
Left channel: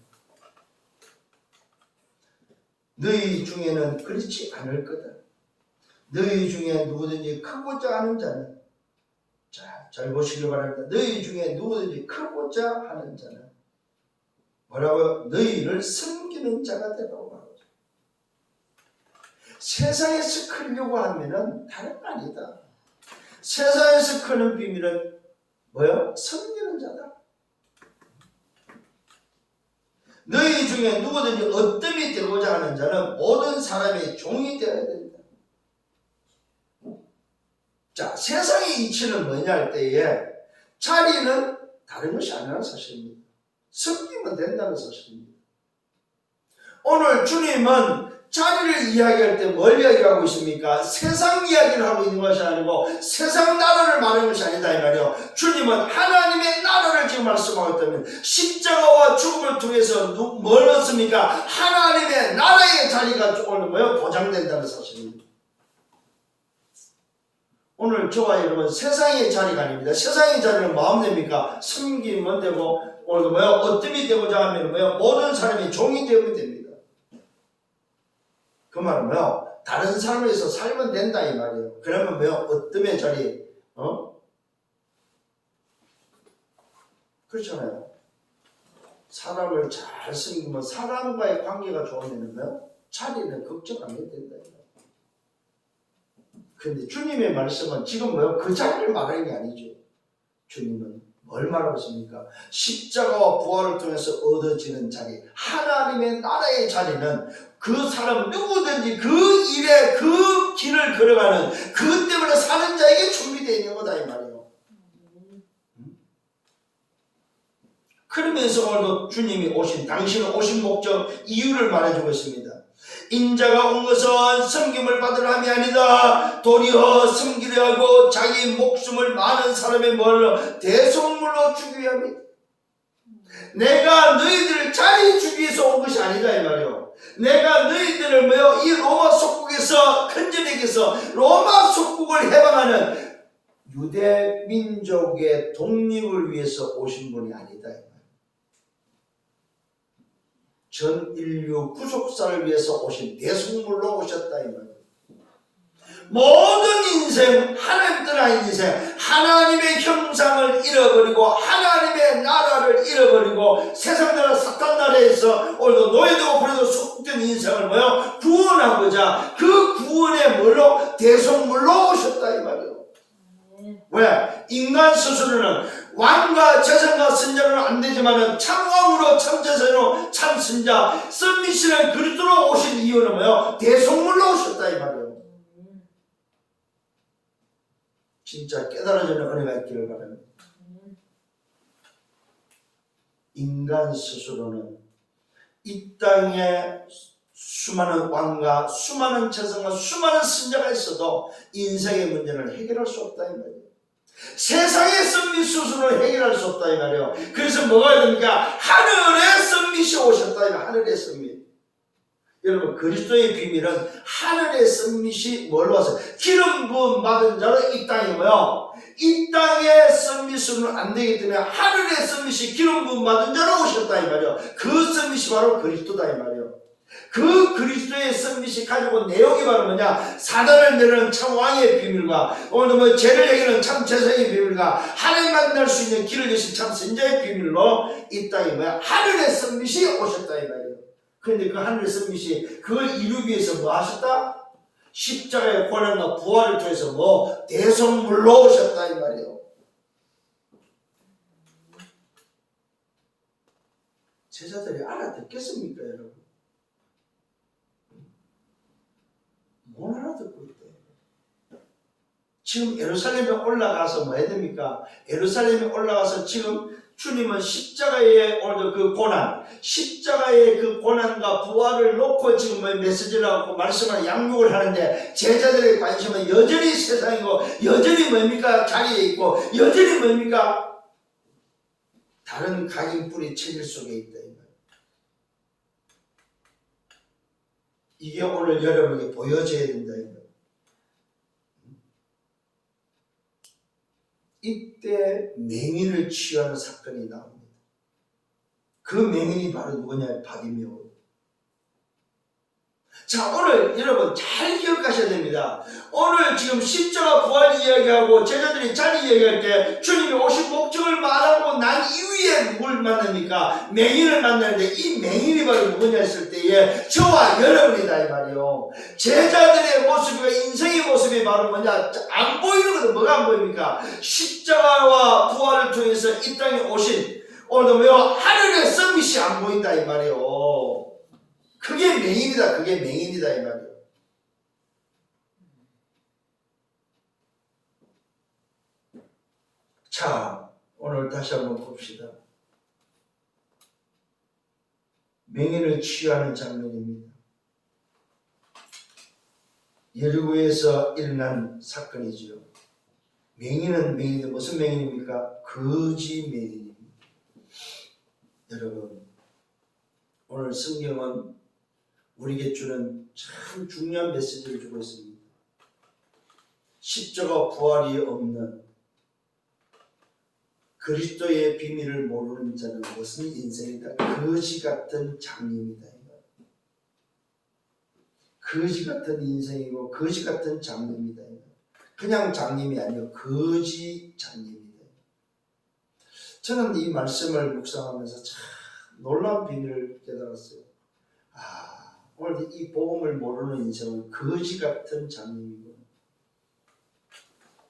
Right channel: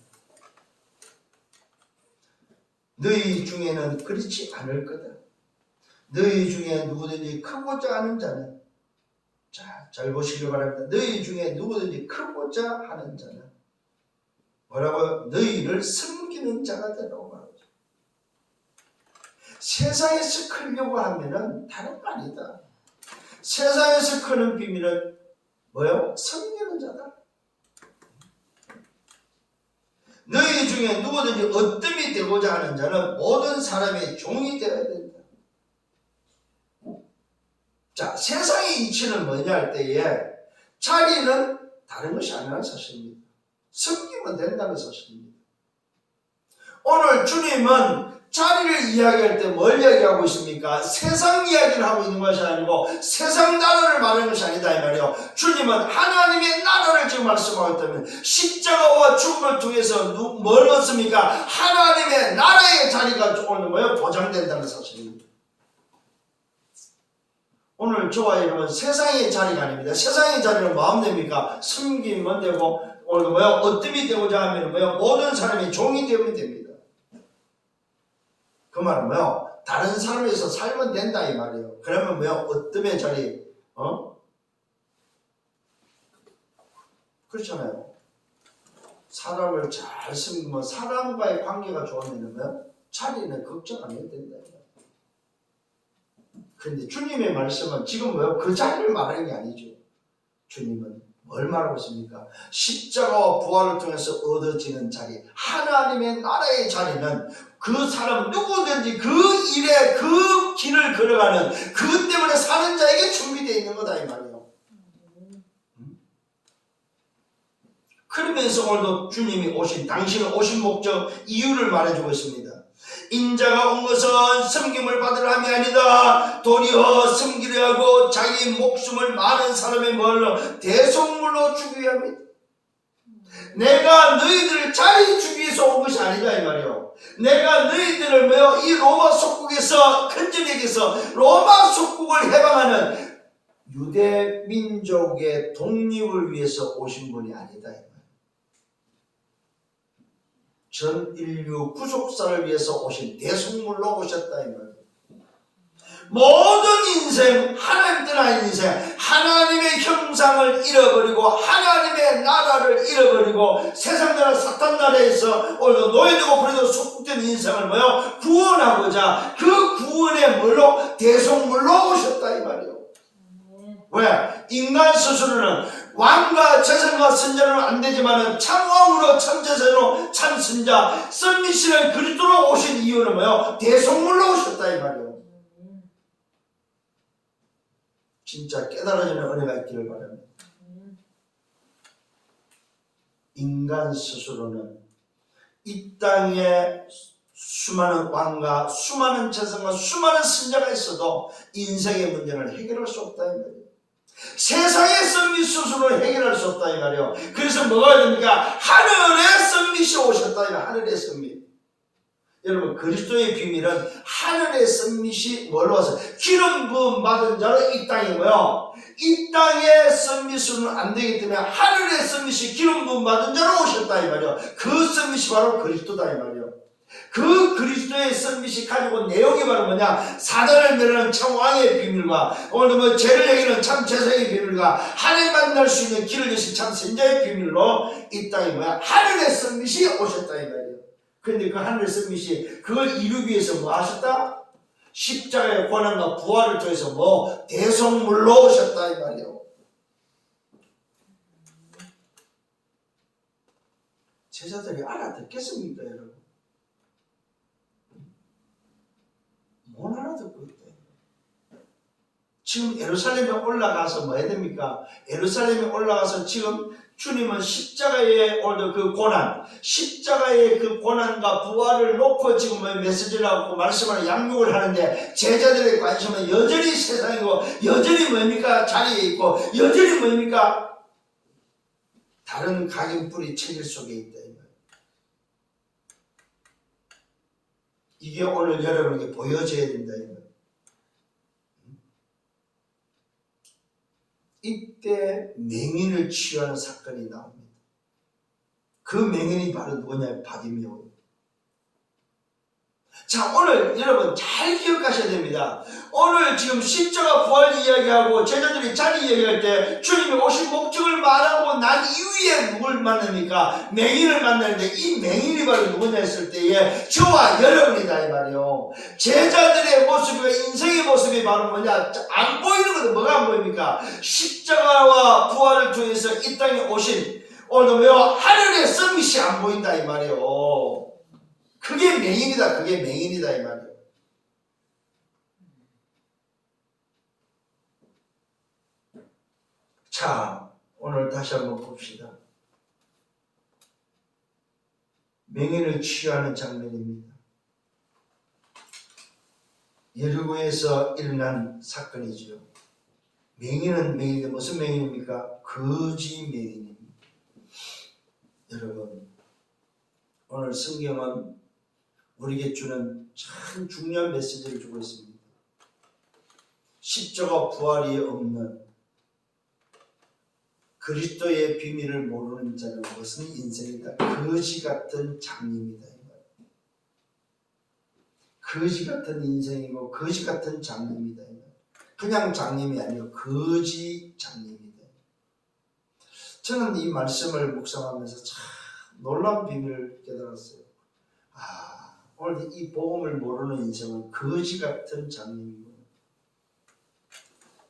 너희 중에는 그렇지 않을 거다. 너희 중에 누구든지 크고자 하는 자는, 자, 잘 보시길 바랍니다. 너희 중에 누구든지 크고자 하는 자는 뭐라고요? 너희를 섬기는 자가 되라고 말하죠. 세상에서 크려고 하면은 다른 거 아니다. 세상에서 크는 비밀은 뭐요? 섬기는 자다. 너희 중에 누구든지 어뜸이 되고자 하는 자는 모든 사람의 종이 되어야 된다. 자, 세상의 이치는 뭐냐 할 때에 자리는 다른 것이 아니라는 사실입니다. 섬기면 된다는 사실입니다. 오늘 주님은 자리를 이야기할 때 뭘 이야기하고 있습니까? 세상 이야기를 하고 있는 것이 아니고 세상 나라를 말하는 것이 아니다 이 말이에요. 주님은 하나님의 나라를 지금 말씀하고 있다면 십자가와 죽음을 통해서 뭘 얻습니까? 하나님의 나라의 자리가 오늘 보장된다는 사실입니다. 오늘 저와 여러분 세상의 자리가 아닙니다. 세상의 자리는 마음 됩니까? 섬기면 되고 오늘 어뜸이 되고자 하면 모든 사람이 종이 되면 됩니다. 그 말은 다른 사람에서 살면 된다 이 말이에요. 그러면 어뜸의 자리, 그렇잖아요. 사람을 잘 섬기면 사람과의 관계가 좋으면 자리는 걱정 안 해도 된다. 그런데 주님의 말씀은 지금 그 자리를 말하는 게 아니죠. 주님은 뭘 말하고 있습니까? 십자가와 부활을 통해서 얻어지는 자리, 하나님의 나라의 자리는 그 사람 누구든지 그 일에 그 길을 걸어가는 그 때문에 사는 자에게 준비되어 있는 거다 이 말이에요. 그러면서 오늘도 주님이 당신은 오신 목적, 이유를 말해주고 있습니다. 인자가 온 것은 섬김을 받으려 함이 아니다. 도리어 섬기려 하고 자기 목숨을 많은 사람의 대속물로 주기 위함이다. 내가 너희들을 자리 주기 위해서 온 것이 아니다 이 말이에요. 내가 너희들을 이 로마 속국에서 큰전에게서 로마 속국을 해방하는 유대 민족의 독립을 위해서 오신 분이 아니다. 전 인류 구속사를 위해서 오신 대속물로 오셨다 이 말이에요. 모든 인생, 하나님 떠난 인생, 하나님의 형상을 잃어버리고 하나님의 나라를 잃어버리고 세상 나라 사탄 나라에서 오늘도 노예되고 버려도 속된 인생을 뭐요? 구원하고자 그 구원의 뭘로? 대속물로 오셨다 이 말이에요. 왜? 인간 스스로는 왕과 재선과 선자는 안 되지만은 참왕으로 참재선으로 참선자 썸미시는 그리스도로 오신 이유는 뭐요? 대속물로 오셨다 이 말이에요. 진짜 깨달아지는 은혜가 있기를 바랍니다. 인간 스스로는 이 땅에 수많은 왕과 수많은 재선과 수많은 선자가 있어도 인생의 문제를 해결할 수 없다 이 말이에요. 세상의 썸밋 스스로 해결할 수 없다 이 말이에요. 그래서 뭐가 됩니까? 하늘의 썸밋이 오셨다 이 말이에요. 하늘의 썸밋. 여러분 그리스도의 비밀은 하늘의 썸밋이 뭘로 와서 기름 부음 받은 자로 이 땅에 뭐요? 이 땅의 썸밋으로는 안 되기 때문에 하늘의 썸밋이 기름 부음 받은 자로 오셨다 이 말이에요. 그 썸밋이 바로 그리스도다 이 말이에요. 그 그리스도의 썸밋이 가지고 온 내용이 바로 뭐냐? 사단을 멸하는 참 왕의 비밀과 오늘 뭐 죄를 해결하는 참 재성의 비밀과 하나님 만날 수 있는 길을 여신 참 선자의 비밀로 이 땅에 뭐야? 하늘의 썸밋이 오셨다 이 말이에요. 그런데 그 하늘의 썸밋이 그걸 이루기 위해서 뭐 하셨다? 십자가의 고난과 부활을 통해서 뭐 대속물로 오셨다 이 말이에요. 제자들이 알아듣겠습니까 여러분? 못 알아듣고 있대요. 지금 예루살렘에 올라가서 뭐 해야 됩니까? 예루살렘에 올라가서 지금 주님은 십자가의 오늘 그 고난, 십자가의 그 고난과 부활을 놓고 지금 메시지를 하고 말씀을 양육을 하는데 제자들의 관심은 여전히 세상이고 여전히 뭡니까? 자리에 있고 여전히 뭡니까? 다른 각인뿌리 체질 속에 있다. 이게 오늘 여러분에게 보여져야 된다. 이때 맹인을 치유하는 사건이 나옵니다. 그 맹인이 바로 누구냐? 바디메오. 자, 오늘 여러분 잘 기억하셔야 됩니다. 오늘 지금 십자가 부활 이야기하고 제자들이 자리 이야기할 때 주님이 오신 목적을 말하고 난 이후에 누굴 만납니까? 맹인을 만나는데 이 맹인이 바로 누구냐 했을 때에 저와 여러분이다 이 말이요. 제자들의 모습과 인생의 모습이 바로 뭐냐? 안 보이는 것은 뭐가 안 보입니까? 십자가와 부활을 통해서 이 땅에 오신 오늘 뭐요? 하늘의 썸밋이 안 보인다 이 말이요. 그게 맹인이다. 그게 맹인이다 이 말이에요. 자, 오늘 다시 한번 봅시다. 맹인을 치유하는 장면입니다. 여리고에서 일어난 사건이지요. 맹인은 맹인인데 무슨 맹인입니까? 거지 맹인입니다. 여러분, 오늘 성경은 우리에게 주는 참 중요한 메시지를 주고 있습니다. 십자가 부활이 없는 그리스도의 비밀을 모르는 자는 무슨 인생이다? 거지 같은 장님이다. 거지 같은 인생이고 거지 같은 장님이다. 그냥 장님이 아니고 거지 장님이다. 저는 이 말씀을 묵상하면서 참 놀라운 비밀을 깨달았어요. 오늘 이 복음을 모르는 인생은 거지 같은 장님이고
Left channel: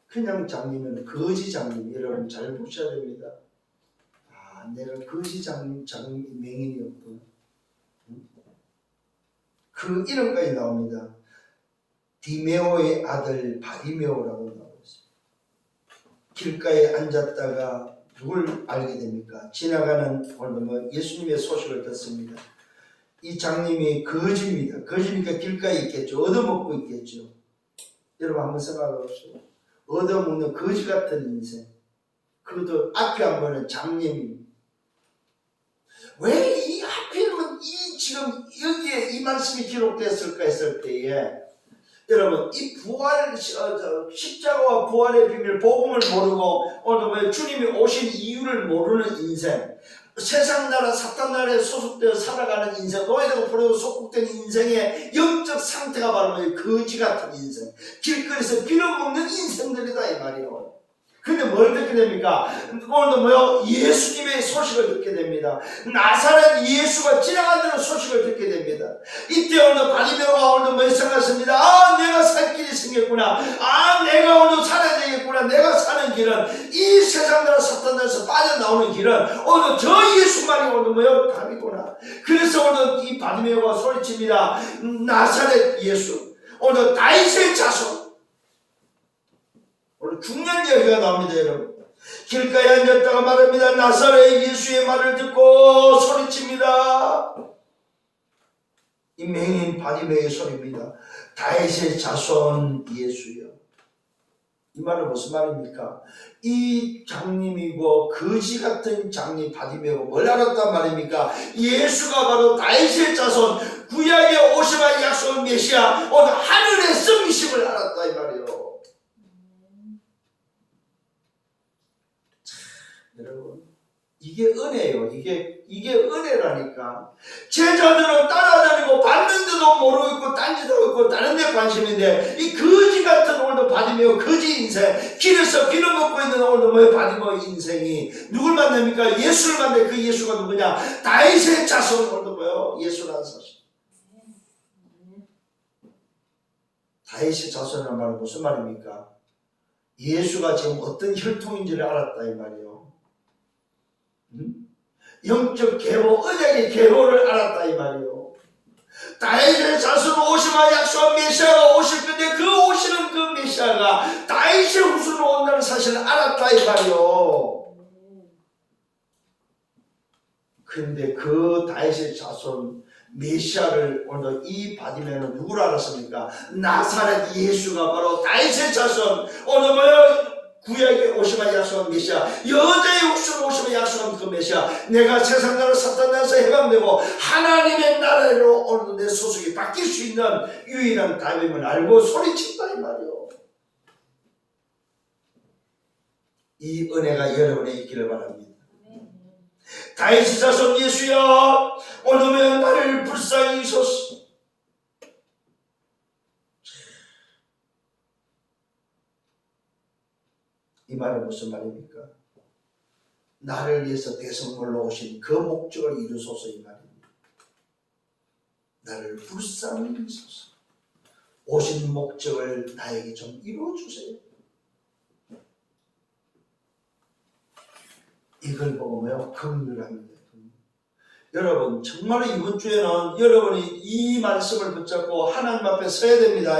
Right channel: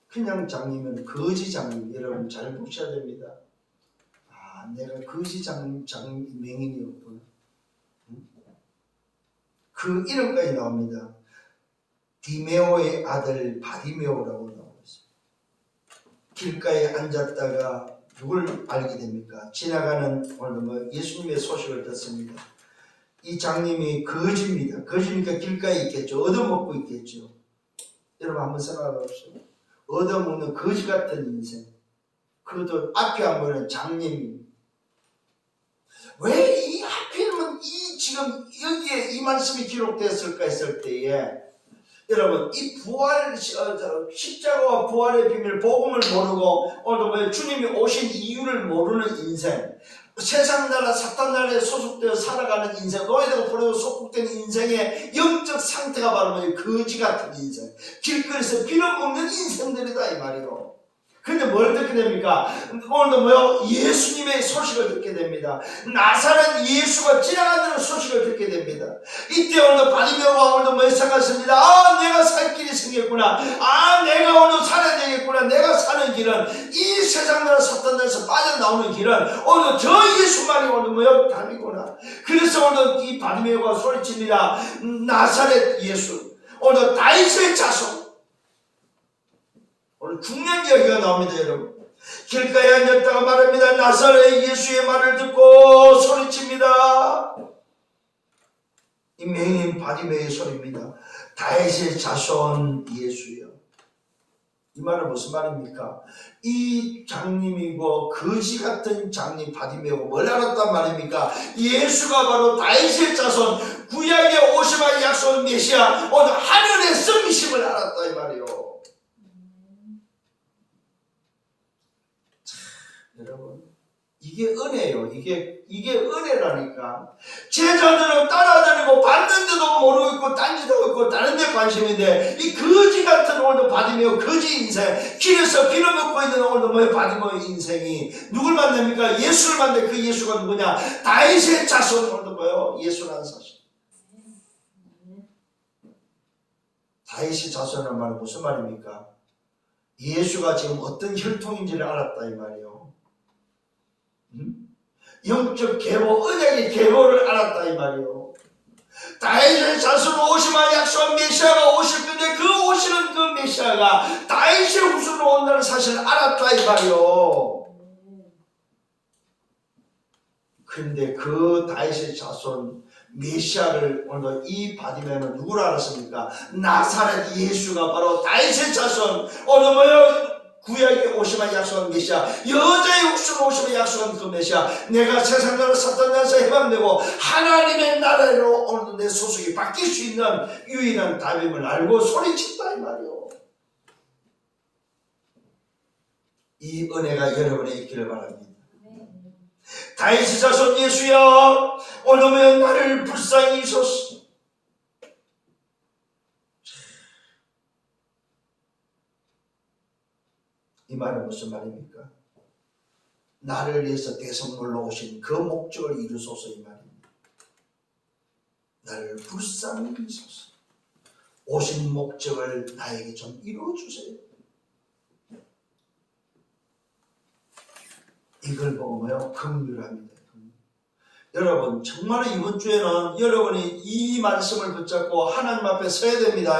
그냥 장님은 거지 장님. 여러분 잘 보셔야 됩니다. 내가 거지 장님 맹인이었구나. 그 이름까지 나옵니다. 디메오의 아들 바디메오라고 나오고 있습니다. 길가에 앉았다가 누굴 알게 됩니까? 지나가는 오늘 예수님의 소식을 듣습니다. 이 장님이 거지입니다. 거지니까 길가에 있겠죠. 얻어먹고 있겠죠. 여러분 한번 생각해 보십시오. 얻어먹는 거지 같은 인생. 그것도 앞이 안 보이는 장님. 왜 이 하필이면 이 지금 여기에 이 말씀이 기록됐을까 했을 때에 여러분 이 부활 십자가와 부활의 비밀 복음을 모르고 오늘 주님이 오신 이유를 모르는 인생 세상 나라 사탄 나라에 소속되어 살아가는 인생, 노예되고 포로되고 속국된 인생의 영적 상태가 바로 뭐예요? 거지 같은 인생, 길거리에서 빌어먹는 인생들이다 이 말이에요. 그런데 뭘 듣게 됩니까? 오늘도 뭐요? 예수님의 소식을 듣게 됩니다. 나사렛 예수가 지나간다는 소식을 듣게 됩니다. 이때 오늘도 바디메오가 오늘도 뭐 생각했습니다. 아, 내가 살 길이 생겼구나. 아, 내가 오늘 살아야 되겠구나. 내가 사는 길은 이 세상 나라 사탄 나라에서 빠져나오는 길은 오늘 저 예수만이 오늘 뭐요? 답이구나. 그래서 오늘 이 바디메오가 소리칩니다. 나사렛 예수, 오늘 다윗의 자손. 오늘 중요한 이야기가 나옵니다, 여러분. 길가에 앉았다가 말합니다. 나사렛 예수의 말을 듣고 소리칩니다. 이 맹인 바디메오의 소리입니다. 다윗의 자손 예수여. 이 말은 무슨 말입니까? 이 장님이고 거지 같은 장님 바디메오가 뭘 알았단 말입니까? 예수가 바로 다윗의 자손, 구약의 오시마 약속 메시아, 오늘 하늘의 성심을 알았다 이 말이에요. 여러분, 이게 은혜예요. 이게 은혜라니까. 제자들은 따라다니고 봤는데도 모르고 있고 딴짓하고 있고 다른 데 관심인데, 이 거지 같은 오늘도 바디메오 거지 인생, 길에서 빌어먹고 있는 오늘도 뭐예요? 바디메오 인생이 누굴 만납니까? 예수를 만나. 그 예수가 누구냐? 다윗의 자손. 오늘도 뭐예요? 예수라는 사실. 다윗의 자손이라는 말은 무슨 말입니까? 예수가 지금 어떤 혈통인지를 알았다 이 말이에요. 영적 계보, 언약의 계보를 알았다 이 말이에요. 다윗의 자손으로 오시마 약속한 메시아가 오실 건데, 그 오시는 그 메시아가 다윗의 후손으로 온다는 사실을 알았다 이 말이에요. 그런데 그 다윗의 자손 메시아를 오늘 이 바디메오는 누구를 알았습니까? 나사렛 예수가 바로 다윗의 자손, 오늘 뭐요? 구약에 오시마 약속한 메시아, 여자의 후손으로 오시마 약속한 그 메시아, 내가 세상 나라 사탄 나라에서 해방되고 하나님의 나라로 오늘도 내 소속이 바뀔 수 있는 유일한 답임을 알고 소리친다 이 말이요. 이 은혜가 여러분에 있기를 바랍니다. 다윗의 자손 예수여, 오늘은 나를 불쌍히 여기소서. 이 말은 무슨 말입니까? 나를 위해서 대성물로 오신 그 목적을 이루소서 이 말입니다. 나를 불쌍히 여기소서. 오신 목적을 나에게 좀 이루어주세요. 이걸 보고 뭐요? 긍휼합니다. 여러분, 정말 이번 주에는 여러분이 이 말씀을 붙잡고 하나님 앞에 서야 됩니다.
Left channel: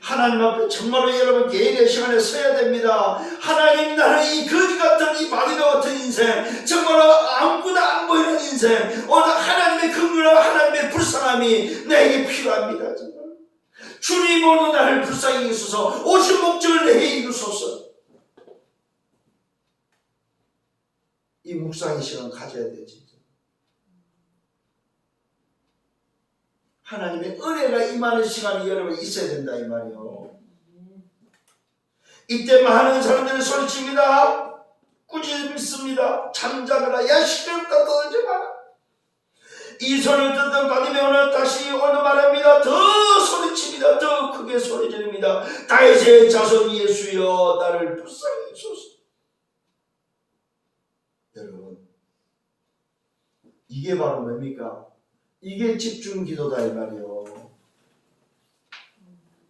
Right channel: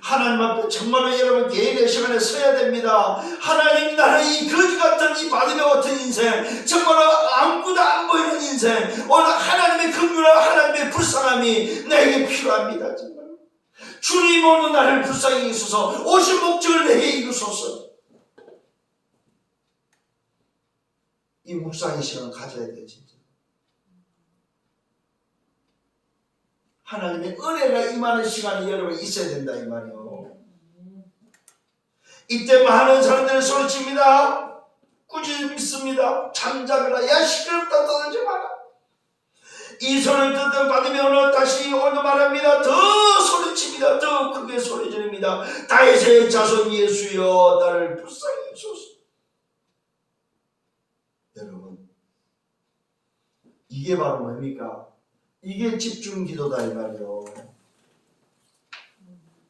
하나님 앞에 정말로 여러분 개인의 시간에 서야 됩니다. 하나님, 나는 이 거지 같은 이 바디메오 같은 인생, 정말로 아무것도 안 보이는 인생, 오늘 하나님의 긍휼과 하나님의 불쌍함이 내게 필요합니다. 정말 주님, 오늘 나를 불쌍히 여기소서. 오신 목적을 내게 이루소서. 이 묵상의 시간을 가져야 돼요. 진짜 하나님의 은혜가 임하는 시간이 여러분 있어야 된다 이 말이요. 이때 많은 사람들이 소리칩니다. 꾸짖 믿습니다. 잠잠해라. 야, 시끄럽다. 떠들지 마라. 이 소리를 듣던 바디메오는 다시 오늘 말합니다. 더 소리칩니다. 더 크게 소리 지릅니다. 다윗의 자손 예수여, 나를 불쌍히 여기소서. 여러분, 이게 바로 뭡니까? 이게 집중기도다 이 말이요.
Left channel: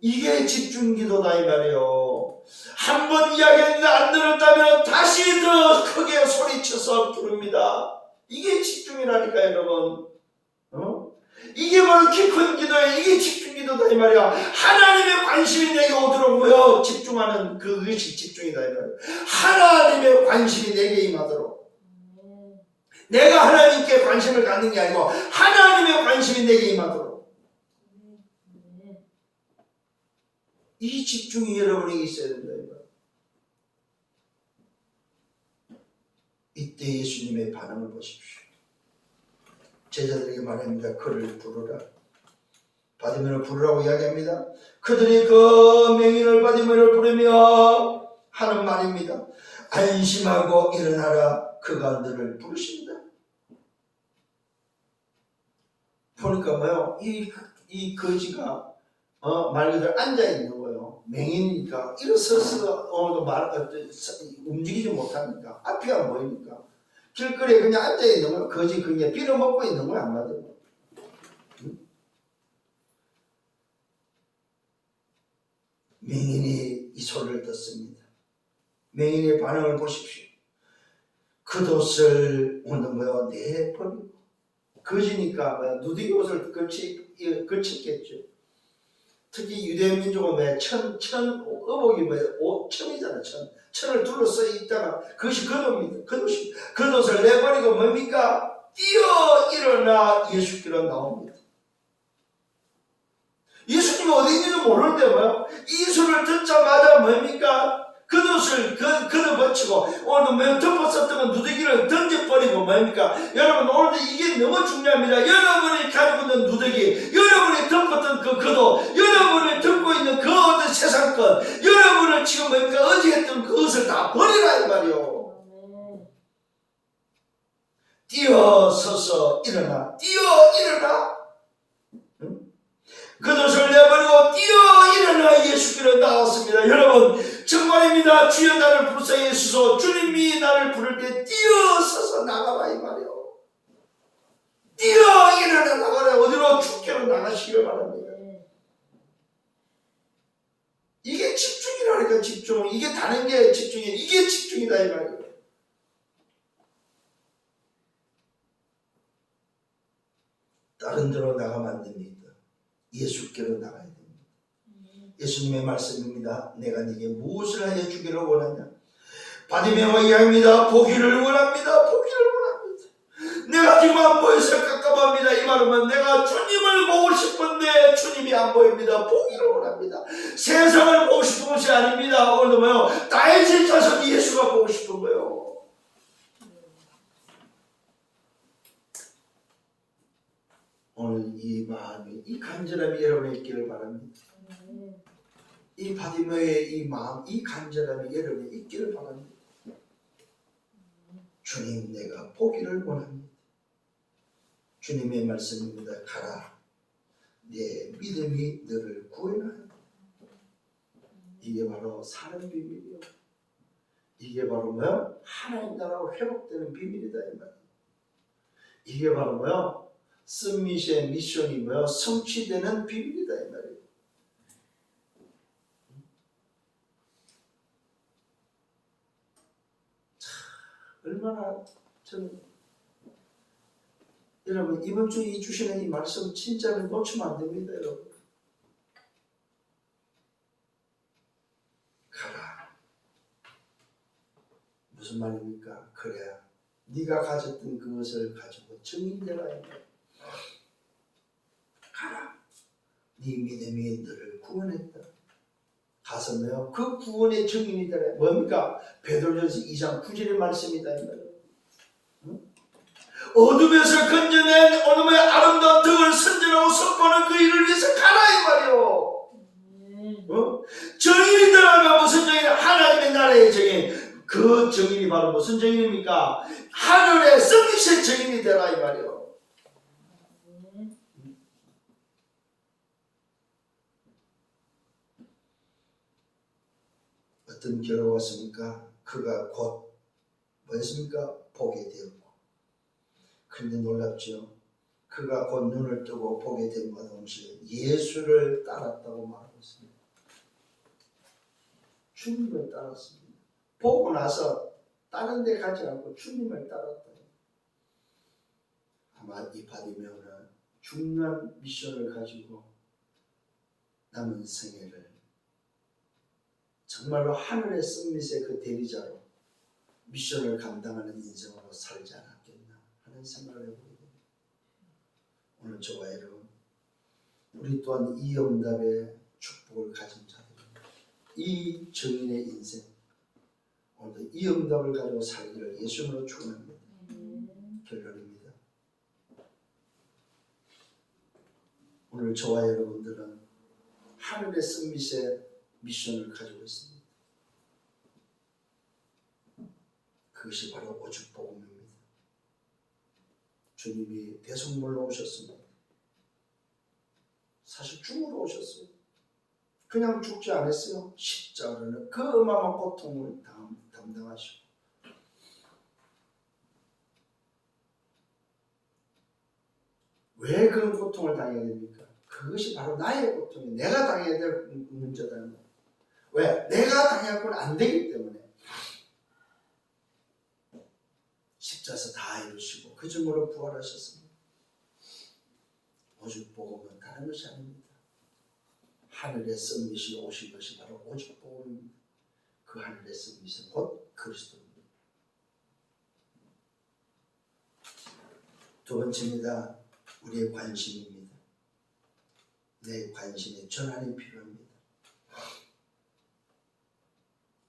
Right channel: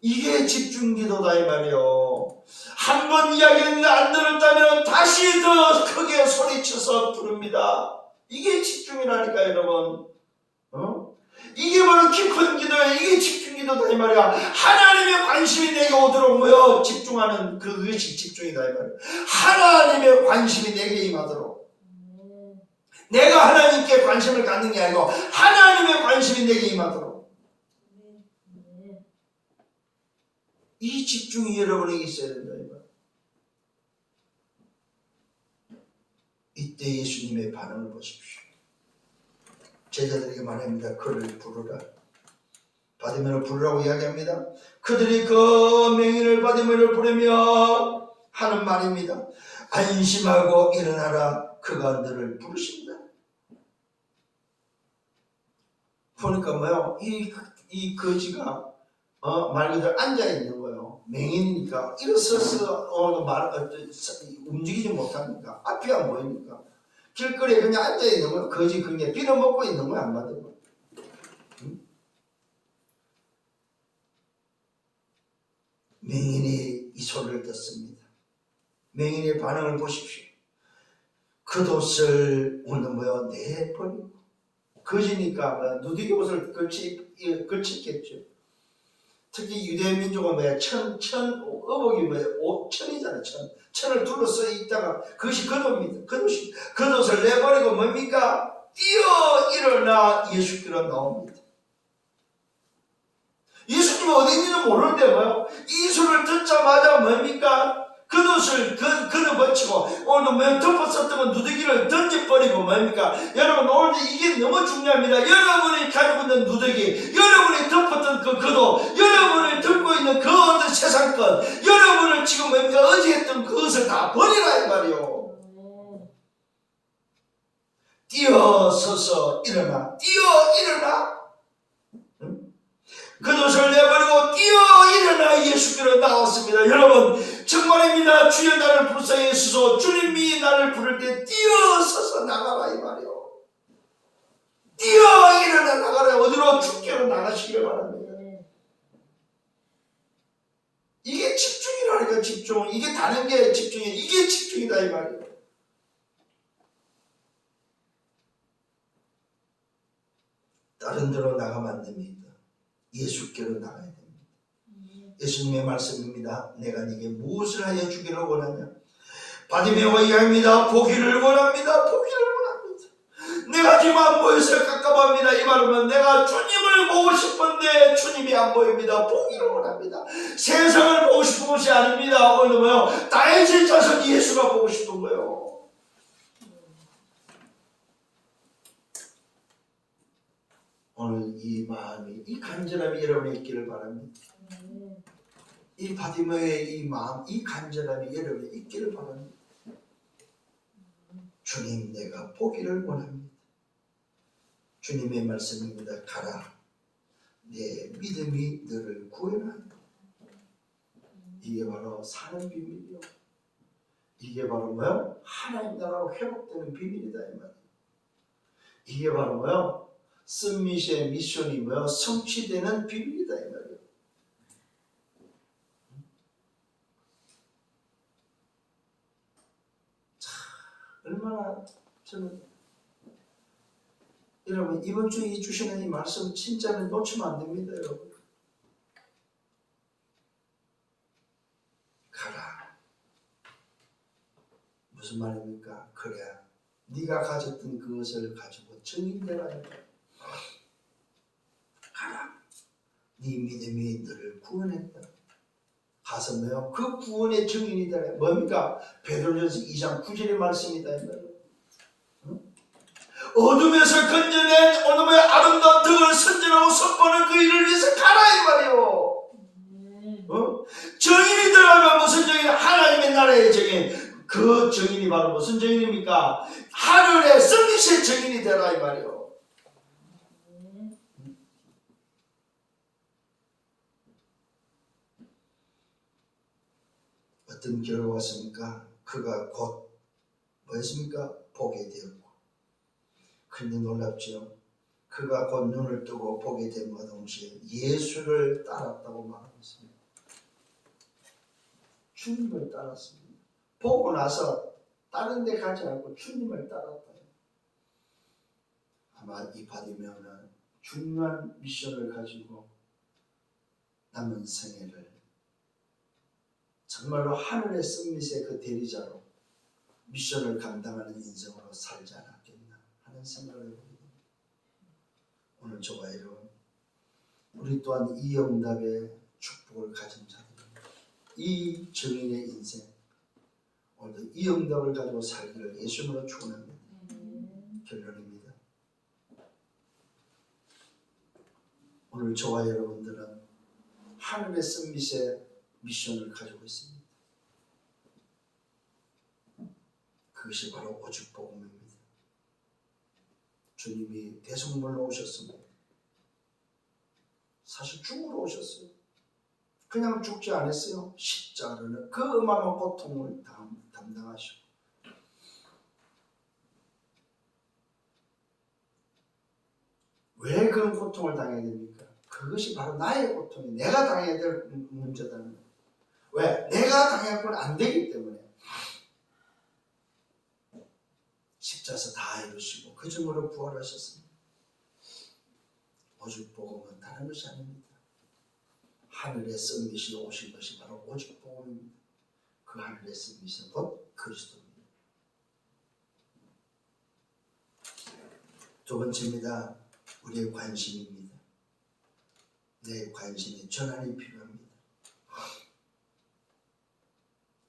이게 집중기도다 이 말이요. 한 번 이야기했는데 안 들었다면 다시 더 크게 소리쳐서 부릅니다. 이게 집중이라니까 여러분. 이게 바로 키 큰 기도예요. 이게 집중기도다 이 말이야. 하나님의 관심이 내게 오도록 모여 집중하는 그것이 집중이다 이 말이야. 하나님의 관심이 내게 임하도록. 내가 하나님께 관심을 갖는 게 아니고 하나님의 관심이 내게 임하도록. 이 집중이 여러분에게 있어야 된다. 이때 예수님의 반응을 보십시오. 제자들에게 말합니다. 그를 부르라. 바디메오를 부르라고 이야기합니다. 그들이 그 명인을 바디메오를 부르며 하는 말입니다. 안심하고 일어나라. 그가 너를 부르신다. 보니까 뭐요? 이 거지가 말 그대로 앉아 있는 거예요. 맹인이니까 일어서서 움직이지 못하니까 앞이 안 보이니까 길거리에 그냥 앉아 있는 거예요. 거지 그게 빌어먹고 있는 거야 한마디로. 맹인이 이 소리를 듣습니다. 맹인의 반응을 보십시오. 겉옷을 오늘 뭐요? 내버리고 거지니까 누더기 옷을 걸쳤겠죠. 특히 유대 민족은 어복이 천이잖아. 천을 둘러서 있다가 그것이 겉옷입니다. 겉옷을 내버리고 뭡니까? 뛰어 일어나 예수께로 나옵니다. 예수님 어디 있는지도 모르는데 뭐요? 이 소리를 듣자마자 뭡니까? 겉옷을 걷어버치고 오늘도 뭐 덮었었던 건 누더기를 던져버리고 뭡니까? 여러분 오늘도 이게 너무 중요합니다. 여러분이 가지고 있는 누더기, 여러분이 덮었던 그 겉옷, 여러분이 덮고 있는 그 어떤 세상 것, 여러분을 지금 뭡니까? 어제 했던 그것을 다 버리라 이 말이요. 뛰어서서 일어나, 일어나. 겉옷을 내버리고 뛰어 일어나 예수께로 나왔습니다. 여러분 정말입니다. 주여 나를 불쌍히 여시소. 주님이 나를 부를 때 뛰어서서 나가라 이 말이요. 뛰어 일어나 나가라. 어디로? 주께로 나가시기를 바랍니다. 이게 집중이라니까. 집중. 이게 다른 게 집중이에요. 이게 집중이다 이 말이에요. 다른 데로 나가면 안 됩니다. 예수께로 나가야 됩니다. 예수님의 말씀입니다. 내가 네게 무엇을 하여 주기를 원하냐? 바디메오가 이야기합니다. 보기를 원합니다. 보기를 원합니다. 내가 지금 안 보여서 깝깝합니다. 이 말은 내가 주님을 보고 싶은데 주님이 안 보입니다. 보기를 원합니다. 세상을 보고 싶은 것이 아닙니다. 오늘 뭐요? 다윗의 자손 예수가 보고 싶은 거예요. 오늘 이 마음이, 이 간절함이 여러분에 있기를 바랍니다. 이 바디메오의 이 마음, 이 간절함이 여러분에 있기를 바랍니다. 주님, 내가 보기를 원합니다. 주님의 말씀입니다. 가라, 내 믿음이 너를 구원하리라. 이게 바로 사는 비밀이요. 이게 바로 뭐요? 하나님 나라가 회복되는 비밀이다 이 말이에요. 이게 바로 뭐요? 스미시의 미션이 뭐요? 성취되는 비밀이다 이 말이에요. 얼마나 저는 여러분 이번 주에 주시는 이 말씀 진짜로 놓치면 안 됩니다. 여러분 가라. 무슨 말입니까? 그래 네가 가졌던 그것을 가지고 증인되라. 가라. 네 믿음이 너를 구원했다. 가서 뭐요? 그 구원의 증인이 되라. 뭡니까? 베드로전서 2장 9절의 말씀이다. 어둠에서 건져낸 오늘의 아름다운 덕을 선전하고 선포하는 그 일을 위해서 가라 이 말이요. 정인이 되라면 무슨 정인? 하나님의 나라의 정인. 그 정인이 바로 무슨 정인입니까? 하늘의 성리의 정인이 되라 이 말이요. 어떤 결과가 왔습니까? 그가 곧 뭐였습니까? 보게 되었고. 그런데 놀랍죠. 그가 곧 눈을 뜨고 보게 됨과 동시에 예수를 따랐다고 말하고 있습니다. 주님을 따랐습니다. 보고 나서 다른 데 가지 않고 주님을 따랐다. 아마 이 바디메오는 중요한 미션을 가지고 남은 생애를 정말로 하늘의 썸밋의 그 대리자로 미션을 감당하는 인생으로 살지 않았겠나 하는 생각을 해보게 됩니다. 오늘 저와 여러분 우리 또한 이 응답의 축복을 가진 자들입니다. 이 증인의 인생 오늘도 이 응답을 가지고 살기를 예수님으로 축원합니다. 결론입니다. 오늘 저와 여러분들은 하늘의 썸밋의 미션을 가지고 있습니다. 그것이 바로 오죽 복음입니다. 주님이 대속물로 오셨습니다. 오셨어요. 그냥 죽지 않았어요. 십자가는 그 어마어마한 고통을 담당하시고. 왜 그런 고통을 당해야 됩니까? 그것이 바로 나의 고통이 내가 당해야 될 문제다는 거예요. 왜? 내가 당해서는 안 되기 때문에. 십자가에서 다 이루시고 그 증거로 부활하셨습니다. 오직 복음은 다른 것이 아닙니다. 하늘의 썬빛이 오신 것이 바로 오직 복음입니다. 그 하늘의 썬빛은 곧 그리스도입니다. 두 번째입니다. 우리의 관심입니다. 내 관심에 전환이 필요합니다.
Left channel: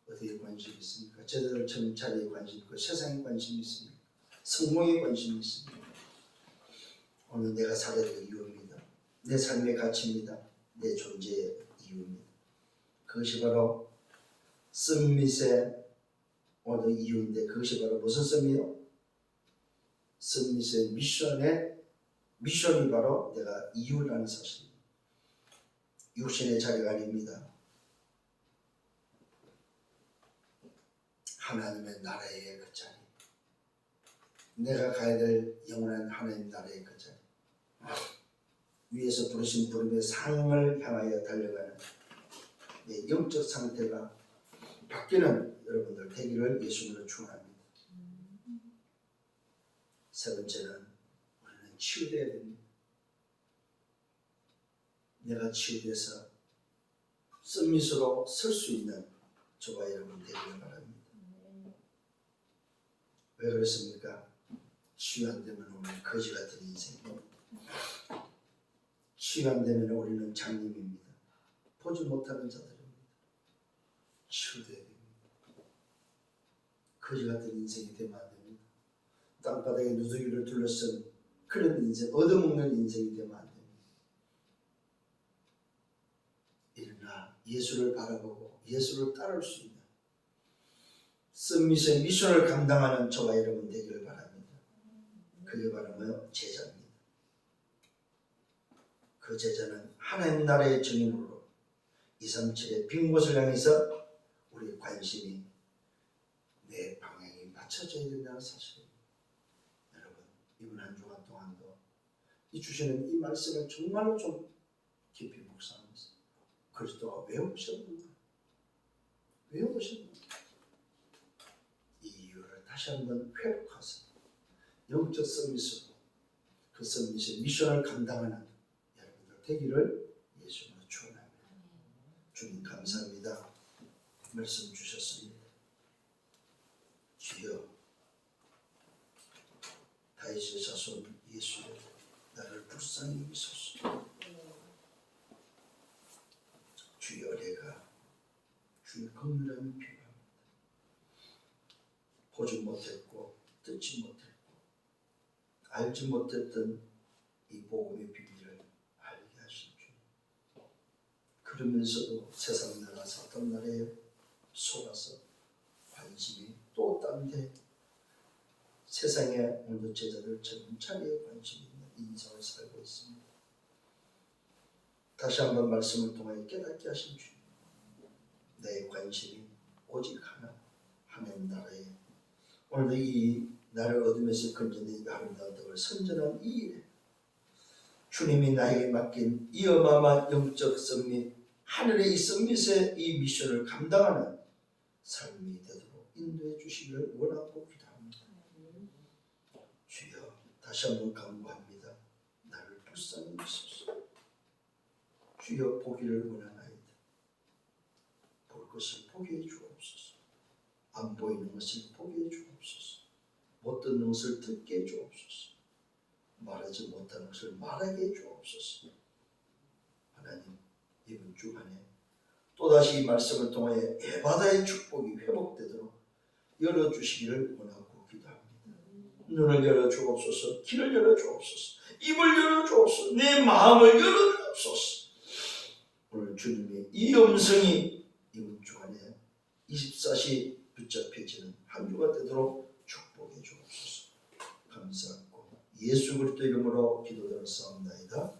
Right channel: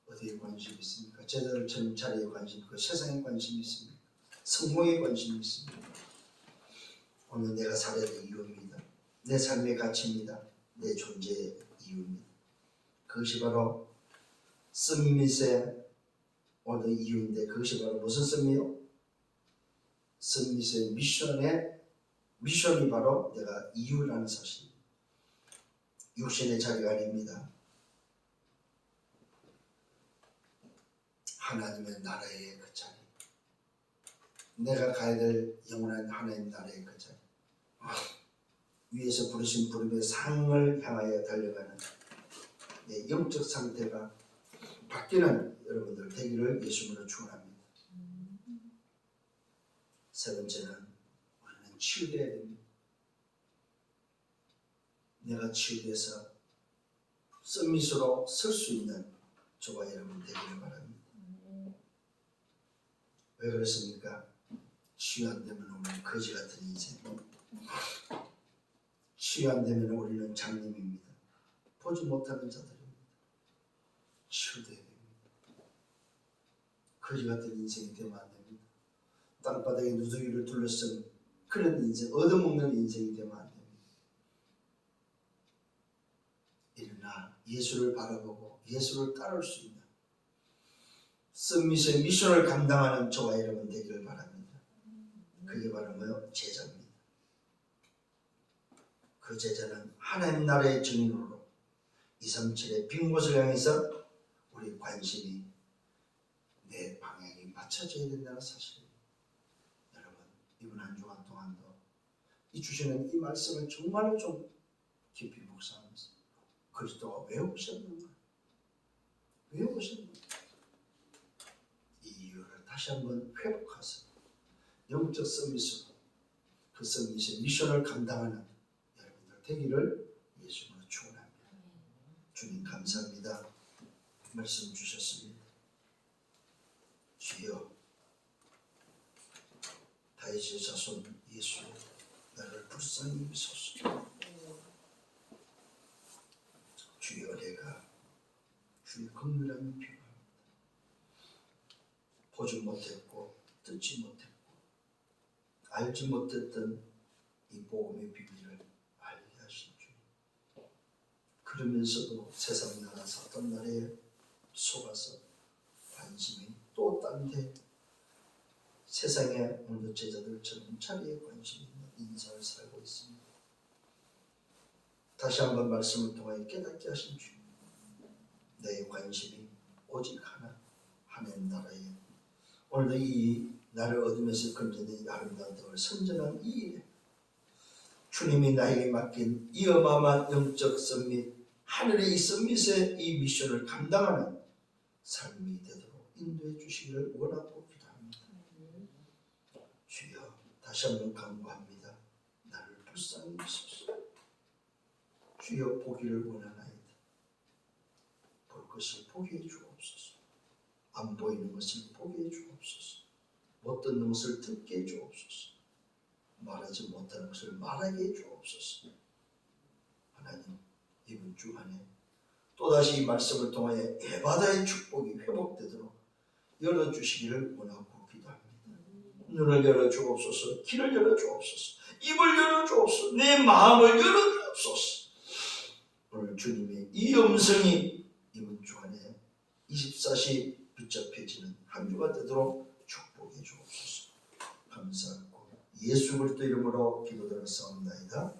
어디에 관심이 있습니까? 제자들 정찰에 관심이 있고 세상에 관심이 있습니까? 성공에 관심이 있습니다. 오늘 내가 살아야 될 이유입니다. 내 삶의 가치입니다. 내 존재의 이유입니다. 그것이 바로 썬밋의 오늘 이유인데 그것이 바로 무슨 썬밋이요? 썬밋의 미션이 바로 내가 이유라는 사실입니다. 육신의 자리가 아닙니다. 하나님의 나라의 그 자리, 내가 가야 될 영원한 하나님 나라의 그 자리, 위에서 부르신 부름의 상을 향하여 달려가는 내 영적 상태가 바뀌는 여러분들 되기를 예수님으로 축원합니다. 세 번째는 우리는 치유되어야 됩니다. 내가 치유돼서 썬밋으로 설 수 있는 저와 여러분 되기를 바랍니다. 왜 그렇습니까? 치유 안 되면 우리는 거지 같은 인생, 치유 안 되면 우리는 장님입니다. 보지 못하는 자들입니다. 치유돼야 됩니다. 거지 같은 인생이 되면 안 됩니다. 땅바닥에 누더기를 둘러쓴 그런 인생, 얻어먹는 인생이 되면 안 됩니다. 일어나 예수를 바라보고 예수를 따를 수 있는 썬밋의 미션을 감당하는 저와 여러분 되기를 바랍니다. 그게 바로 뭐요? 제자입니다. 그 제자는 하나님 나라의 증인으로 237의 빈 곳을 향해서 우리 관심이 내 방향이 맞춰져야 된다는 사실입니다. 여러분 이번 한 주간 동안도 이 주시는 이 말씀을 정말로 좀 깊이 묵상하면서 그리스도가 왜 오셨는가? 왜 오셨는가? 이 이유를 다시 한번 회복해서 영적 썬밋으로 그 썬밋의 미션을 감당하는 여러분들 되기를 예수님으로 축원합니다. 주님 감사합니다. 말씀 주셨습니다. 주여 다윗의 자손 예수여 나를 불쌍히 여기소서. 주여 내가 주의 긍휼함이 필요합니다. 보지 못했고 듣지 못했고 알지 못했던 이 복음의 비밀을 알게 하신 주님. 그러면서도 세상 나라 사탄 나라에 속아서 관심이 또 딴 데 세상에 오늘도 제자들처럼 자리에 관심이 있는 인생을 살고 있습니다. 다시 한번 말씀을 통하여 깨닫게 하신 주님. 내 관심이 오직 하나 하나님 나라에 오늘도 이 나를 어둠에서 건져낸 이 아름다운 덕을 선전한 이 일에 주님이 나에게 맡긴 이 어마어마한 영적 썬밋 하늘의 이 썬밋의 이 미션을 감당하는 삶이 되도록 인도해 주시기를 원하고 기도합니다. 주여 다시 한번 간구합니다. 나를 불쌍히 여기소서. 주여 보기를 원하나이다. 볼 것을 보게 해 주옵소서. 안 보이는 것을 보게 해 주옵소서. 못 듣는 것을 듣게 해 주옵소서. 말하지 못하는 것을 말하게 해 주옵소서. 하나님 이번 주간에 또다시 이 말씀을 통하여 에바다의 축복이 회복되도록 열어주시기를 원하고 기도합니다. 눈을 열어주옵소서. 귀를 열어주옵소서. 입을 열어주옵소서. 내 마음을 열어주옵소서. 오늘 주님의 이 음성이 이번 주간에 24시 붙잡혀지는 한 주가 되도록 축복해 주옵소서. 감사하고 예수 그리스도 이름으로 기도드렸사옵나이다.